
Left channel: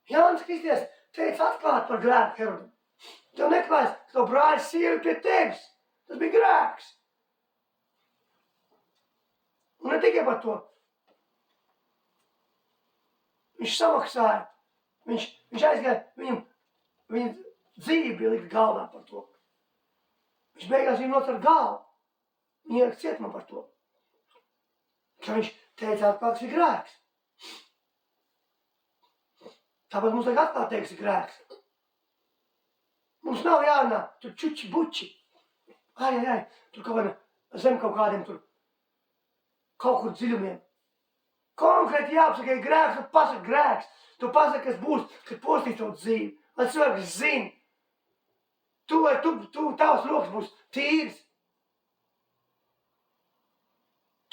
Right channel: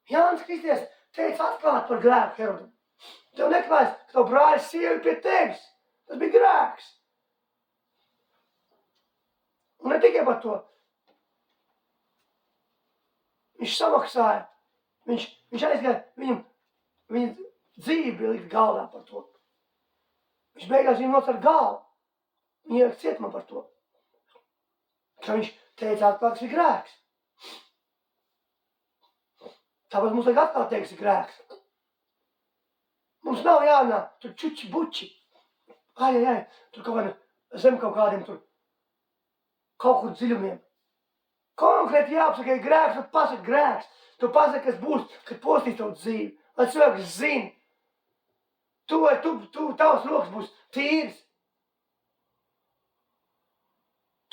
Jānis Kristies teica atklāti par grēku Herodam. Tev neklājas, ka tev brāļs sievi pie tevis. Tas bija grēks. Un ne tikai par to. Viņš samaksāja. Viņš aizgāja, viņa dzīve bija likt galdā par to. Viņš beigās viņu nocer galvu. Viņa ielikt cietumā par to. Ka viņš teica atklāt, tas ir grēks. Tāpēc mums tagad atkal teiks, ir grēks. Mums nav jārunā, tur čuči buči. Tur kaut kāda zem kaut kādiem tur kaut kur dziļumiem. Konkrēti jāapsaka, ir grēks, tu pasaki grēks. Tu pasaki, kas būs, kad postīs tavu dzīvi. Lai cilvēks zina. Tavs rokas būs tīrs.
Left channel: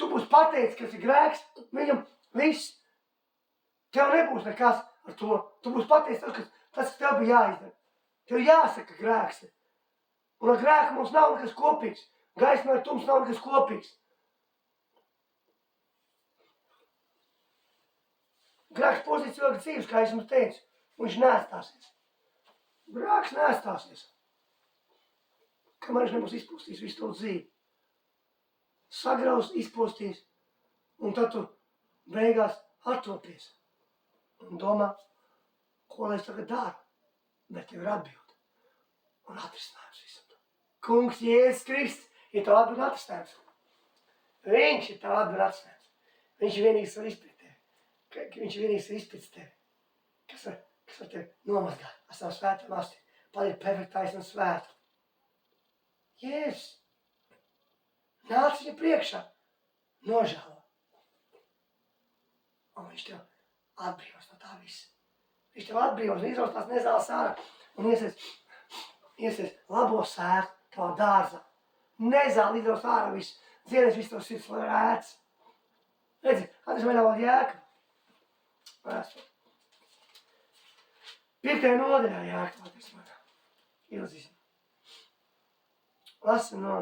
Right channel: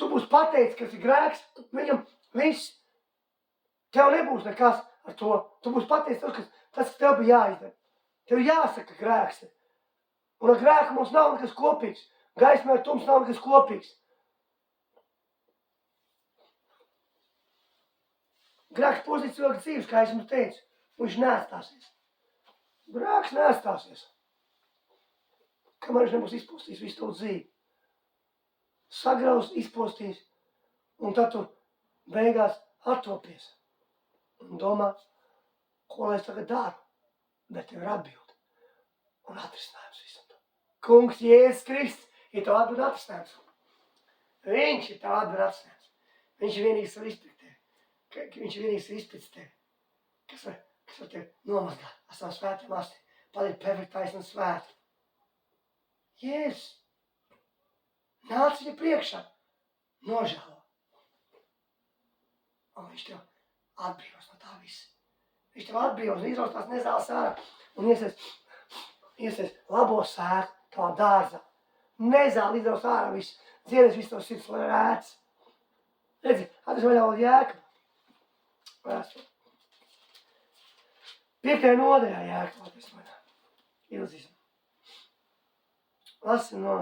Tu būs pateicis, kas ir grēks, viņam viss. Tev nebūs nekas ar to. Tu būs pateicis tas, kas tev bija jāizdara. Tev jāsaka grēks. Un ar grēku mums nav nekas kopīgs. Gaismē ar tums nav nekas kopīgs. Grēks postīt cilvēku dzīves, kā es jums teicu, un viņš neatstāsies. Grēks neatstāsies. Kamēr viņš nebūs izpostījis visu tavu dzīvi. Sagraus, izpostīs, un tad tu beigās attopies. Un domā, ko lai es tagad daru. Bet tev ir atbilde. Un atrisinājums visam to. Kungs Jēzus Kristus ir tev atbilde atrisinājums. Viņš ir tev atbilde atrisinājums. Viņš ir vienīgs var izpēt tevi. Viņš ir vienīgs var izpēc tevi. Kas var tevi nomazgāt ar savu svētām asti. Padarīt perfektais un svētu. Jēzus. Nāc viņa priekšā. Nožēlo. Un viņš tev atbrīvos no tā visa. Viņš tev atbrīvos un izraus tās nezāles ārā un iesies labo sēku tavā dārzā. Nezāli izraus ārā visu. Dziedēs visu to sirds, lai rēts. Redzi, atnes vaļā vēl Jēkabu. Vēstuli. 5. nodaļā Jēkabu atnes vaļā. Ilzīsim. Lasim no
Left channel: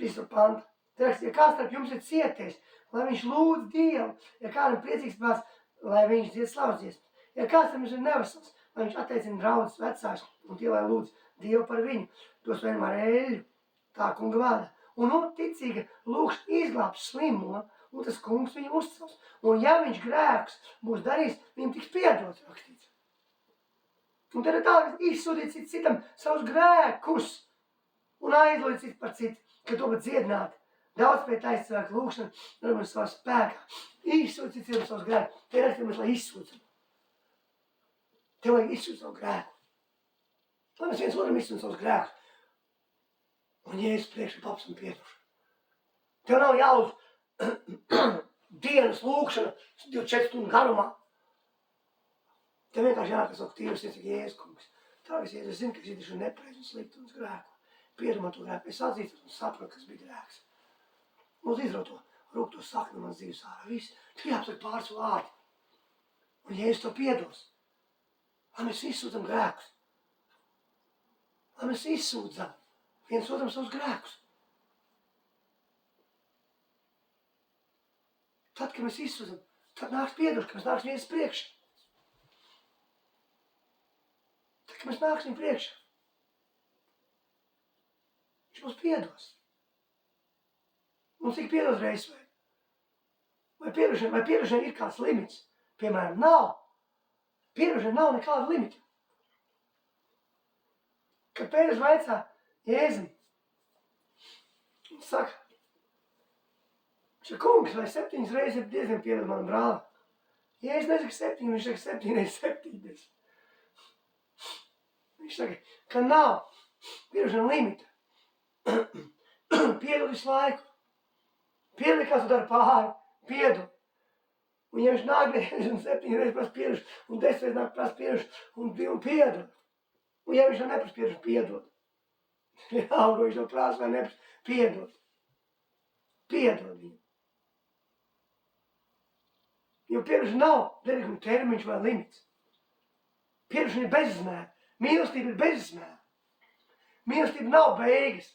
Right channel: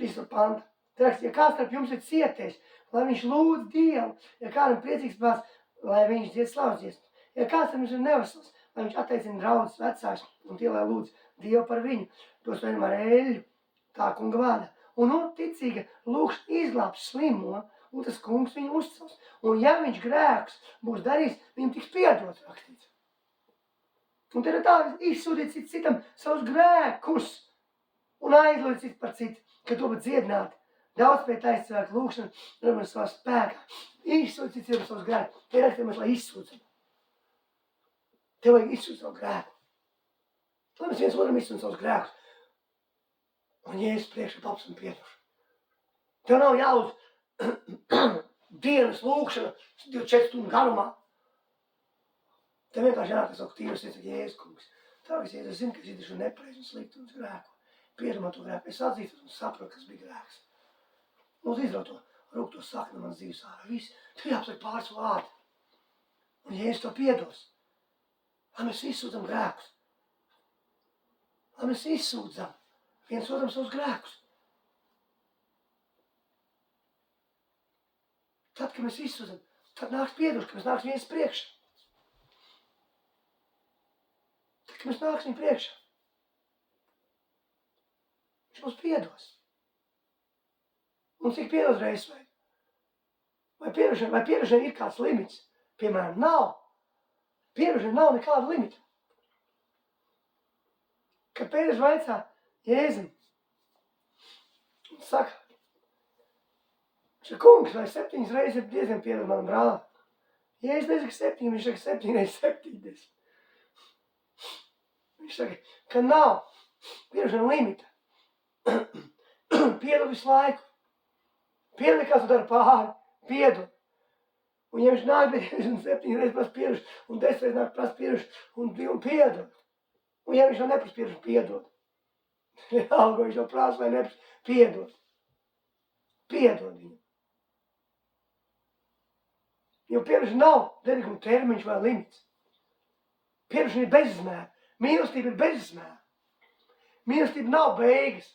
3. panta. Te raksts, ja kāds starp jums ir cietējis, lai viņš lūdz Dievu, ja kādam priecīgs prāts, lai viņš dzied slavas dziesmas. Ja kāds tam ir nevesels, lai viņš atteicina draudzes vecāks un tie, lai lūdz Dievu par viņu, tos vienmēr eļļu, tā kunga vārdā. Un ticīga lūkš izglābs slimo, un tas kungs viņu uzcels. Un ja viņš grēks būs darījis, viņam tiks piedots rakstīts. Un tad ir tā, izsūdīt citam savus grēkus un aizlūdīt citu par citu, ka to pat dziedināt. Daudz pie taisa cilvēku lūkšana, varbūt savā spēkā. Izsūdīt citam savus grēkus. Te rakstījumās, lai izsūdzam. Tev vajag izsūdīt savu grēku. Lai mēs viens otram izsūdīt savus grēkus. Un Jēzus priekšā paps un piedošu. Tev nav jālūdz dienas lūkšana 24 stundu garumā. Te vienkārši jākasok tīvs, es Jēzus kungs. Tāpēc, ja es zinu, ka es izdarīšu nepareizi un slikti un es grēku. Piedod man to grēku. Es atzīstos un saprotu, kas bija grēks. Lūdzu izraut to rūk to sakni no manas dzīves ārā. Viss. Tu jāapsaka pāris vārdi. Un Jēzus to piedos. Lai mēs izsūdzam grēkus. Lai mēs izsūdzam viens otram savus grēkus. Tad, kad mēs izsūdzam, tad nāks piedošana, kad mēs nāks viens priekšā. Tad, kad mēs nāksim priekšā, viņš mums piedos. Un cik piedos reizes vajag? Vai piedošanai ir kāds limits? Piemēram, nav. Piedošanai nav nekāda limita. Kad Pēters vaicā Jēzum, un saka, kungs, vai 7 reizes ir diezgan piedod manam brālim? Jēzus nesaka 7, viņš saka 7 reizes 70. Viņš saka, ka nav piedošana limita. Piedod visu laiku. Piedod, kā tu dari pāri. Piedod. Un ja viņš nāk, bet 7 reizes prasa piedošanu, un 10 reizes nāk prasa piedošanu, un piedod. Un ja viņš jau neprasa piedošanu, piedod. Vienalga, viņš jau prasa vai neprasa, piedod. Piedod viņu. Jo piedošana nav derīguma termiņš vai limits. Piedošana ir bezizmēra. Mīlestība ir bezizmēra. Mīlestība nav beigas.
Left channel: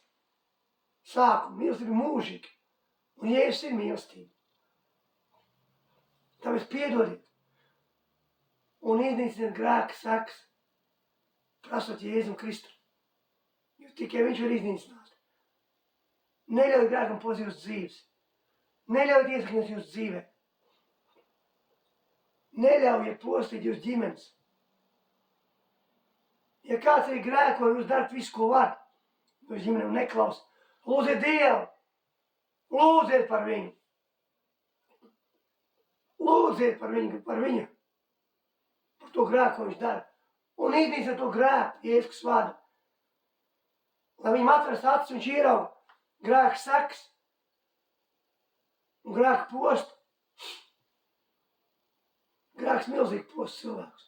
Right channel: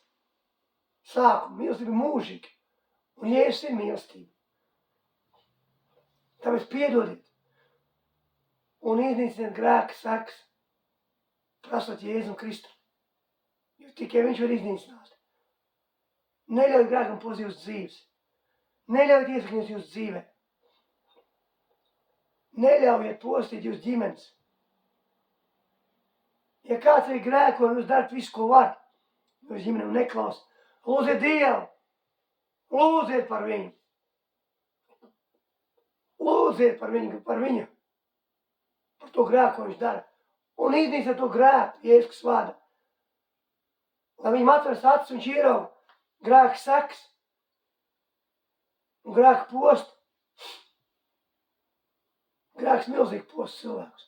Sākuma. Mīlestība ir mūžīga. Un Jēzus ir mīlestība. Tāpēc piedodiet. Un iznīciniet grēka sekas. Prasot Jēzum Kristu. Jo tikai viņš var iznīcināt. Neļauj grēkam pozīt jūsu dzīves. Neļauj iesakņot jūsu dzīvē. Neļaujiet postīt jūsu ģimenes. Ja kāds arī grēko, jūs darat visu, ko var, jūs ģimenem neklaus. Lūdziet Dievu. Lūdziet par viņu. Lūdziet par viņu. Par to grēku, ko viņš dara. Un iznīciet to grēku, Jēzus vārdā. Lai viņam atveras acis, viņš ierauga grēka sekas un grēka postu. Grēks milzīgi post cilvēkus.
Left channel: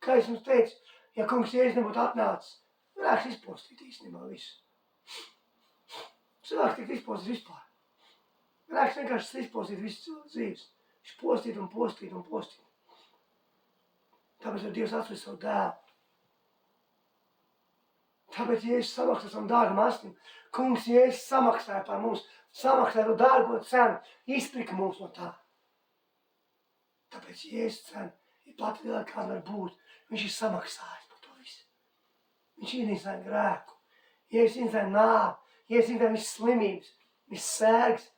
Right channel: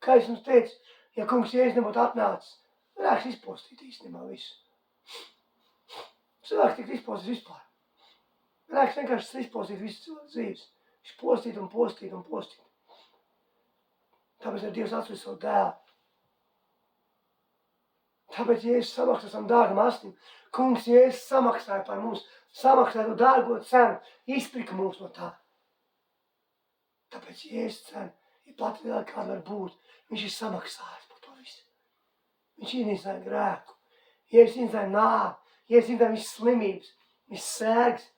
Kā es jums teicu, ja kungs Jēzus nebūtu atnācis, grēks izpostīt īstenībā visu. Cilvēks tikt izpostīt vispār. Grēks vienkārši izpostīt visu cilvēku dzīves. Viņš postīt un postīt un postīt. Tāpēc ir Dievs atsvis savu dēlu. Tāpēc Jēzus samaksā savam dārgam asnim. Kungs Jēzus samaksāja par mums, samaksāja to dārgo cenu, izprika mums no tā. Tāpēc Jēzus cena ir pati lielākā, kāda var būt. Viņš ir samaksājis par to visu. Viņš iznīcināja grēku. Jēzus iznīcināja nāvi. Jēzus iznīcināja visas slimības, visas sērgas,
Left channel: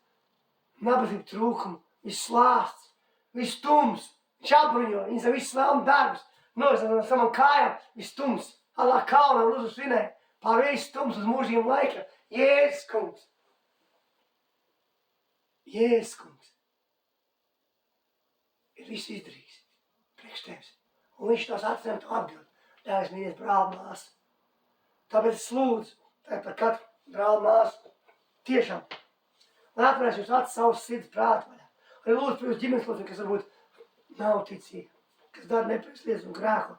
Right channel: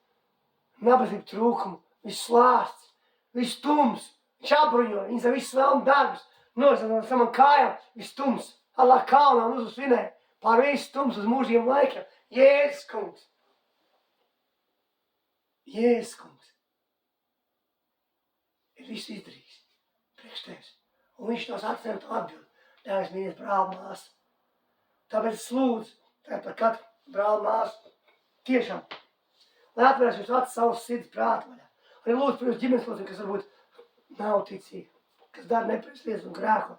nabadzību trūkumu, visas slāsts, viss tums. Viņš apbruņoja, iznīcināja visas vēlmu darbus. Norisināja no savam kājām, viss tums. Allā kaunā un uzsvinēja pār visu tums uz mūžīgiem laikiem. Jēzus kungs. Jēzus kungs. Ir visu izdarījis priekš tevis. Un viņš tās atcerēm to atbild. Dēļ mīlies brāli māsu. Tāpēc es lūdzu par katru brāli māsu. Tiešām. Lai atverēs jūs acis savus sirds prātu vaļā. Arī lūdzu par jūs ģimenes locekļiem, kas varbūt nav ticīgi. Kas dara nepareizas lietas un grēko.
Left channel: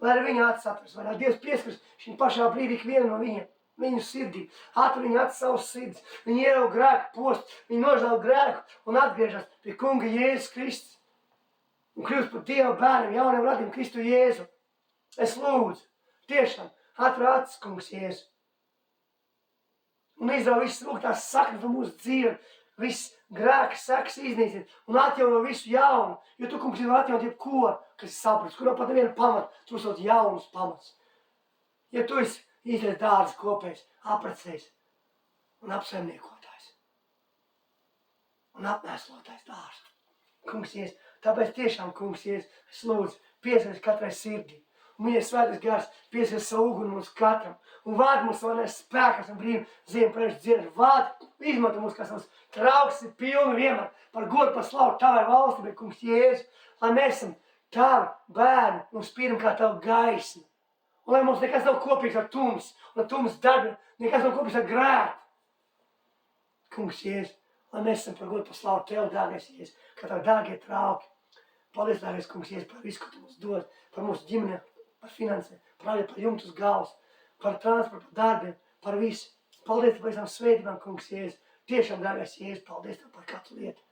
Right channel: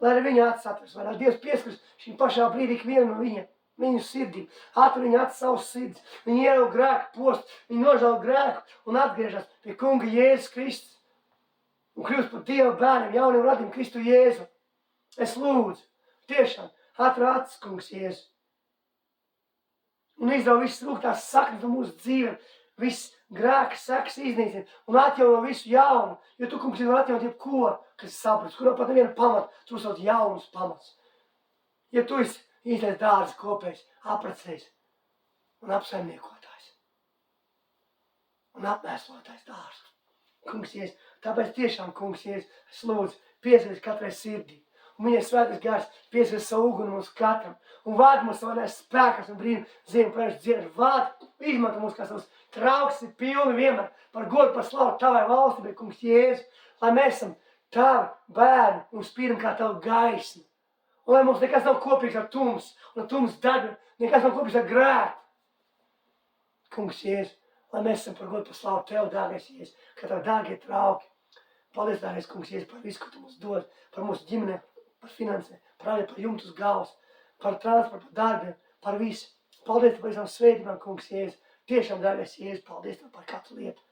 Lai arī viņu acis atveras vaļā. Dievs pieskaras šim pašā brīdī ikvienu no viņiem. Viņu sirdīm. Atver viņu acis savus sirds. Viņi ierauga grēku post. Viņi nožēlo grēku un atgriežas pie kunga Jēzus Kristus. Un kļūst par Dieva bērniem, jauniem radījumiem Kristu Jēzu. Es lūdzu, tiešām, atver acis, kungs Jēzu. Un izdauj visas rūgtās saknes no mūsu dzīvēm, visas grēka sekas iznīcina un atjauno visu jaunu. Jo tu, kungs, var atjaunot jebko, kas ir sapratis, kurā pat neviena pamata, tu uzsauc jaunus pamats. Ja tu esi īstais dārza kopējs, apprecējs un apsaimniekotājs un apmēslotājs dārza. Kungs Jēzus, tāpēc tiešām, kungs Jēzus, es lūdzu, piesaist katrai sirdī. Un viņa svētais gars piesaist savu uguni mums katram. Un vādi mums savādās spēkas un brīnu ziemu prēšu dziedāt. Vādi, izmanto mums, kā savus trauks ir pilni vienmēr par godu, par slavu tavai valstībai, kungs Jēzus. Lai mēs esam tavi bērni un spīdam kā tavu gaismu. Un lai mums nekas nav kopīgs ar tums un ar tums darbi, nekas nav kopīgs ar grēku. Kungs Jēzus. Lai mēs esam par godu, par slavu tev, dārgais Jēzus, kā tavi dārgie trauki. Paldies, dārgais kungs, Jēzus, par visu, ko tu mums dod, par mūsu ģimenēm, par finansēm, par jumtu uz galvas, par transportu, par darbiem, par visu. Paldies par visām svētībām, kungs, Jēzus. Tiešām, dārgais Jēzus, paldies tev par katru lietu.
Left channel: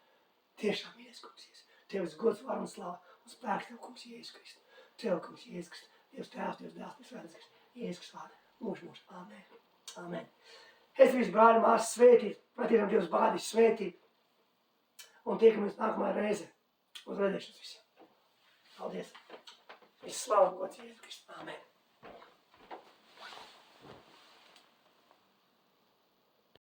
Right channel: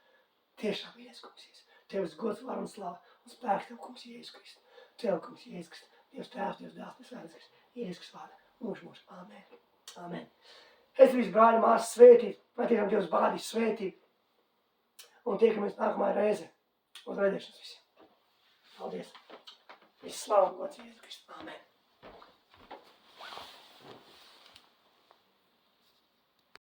Tiešām, Jēzus, kungs, Jēzus. Tev ir gods, var un slava un spēks tev, kungs, Jēzus Kristus. Tev, kungs, Jēzus Kristus. Dievs tēvs, Dievs dēls, Dievs svētais Kristus. Jēzus Kristus vārdā. Mūžu. Amen. Amen. Es visu brāļi māsas svētīt, lai tiešām Dievs bādīs svētīt. Un tiekamies nākamā reize. Uz redzēšanas visiem. Paldies. Viss slavu un gods Jēzus Kristus. Amen.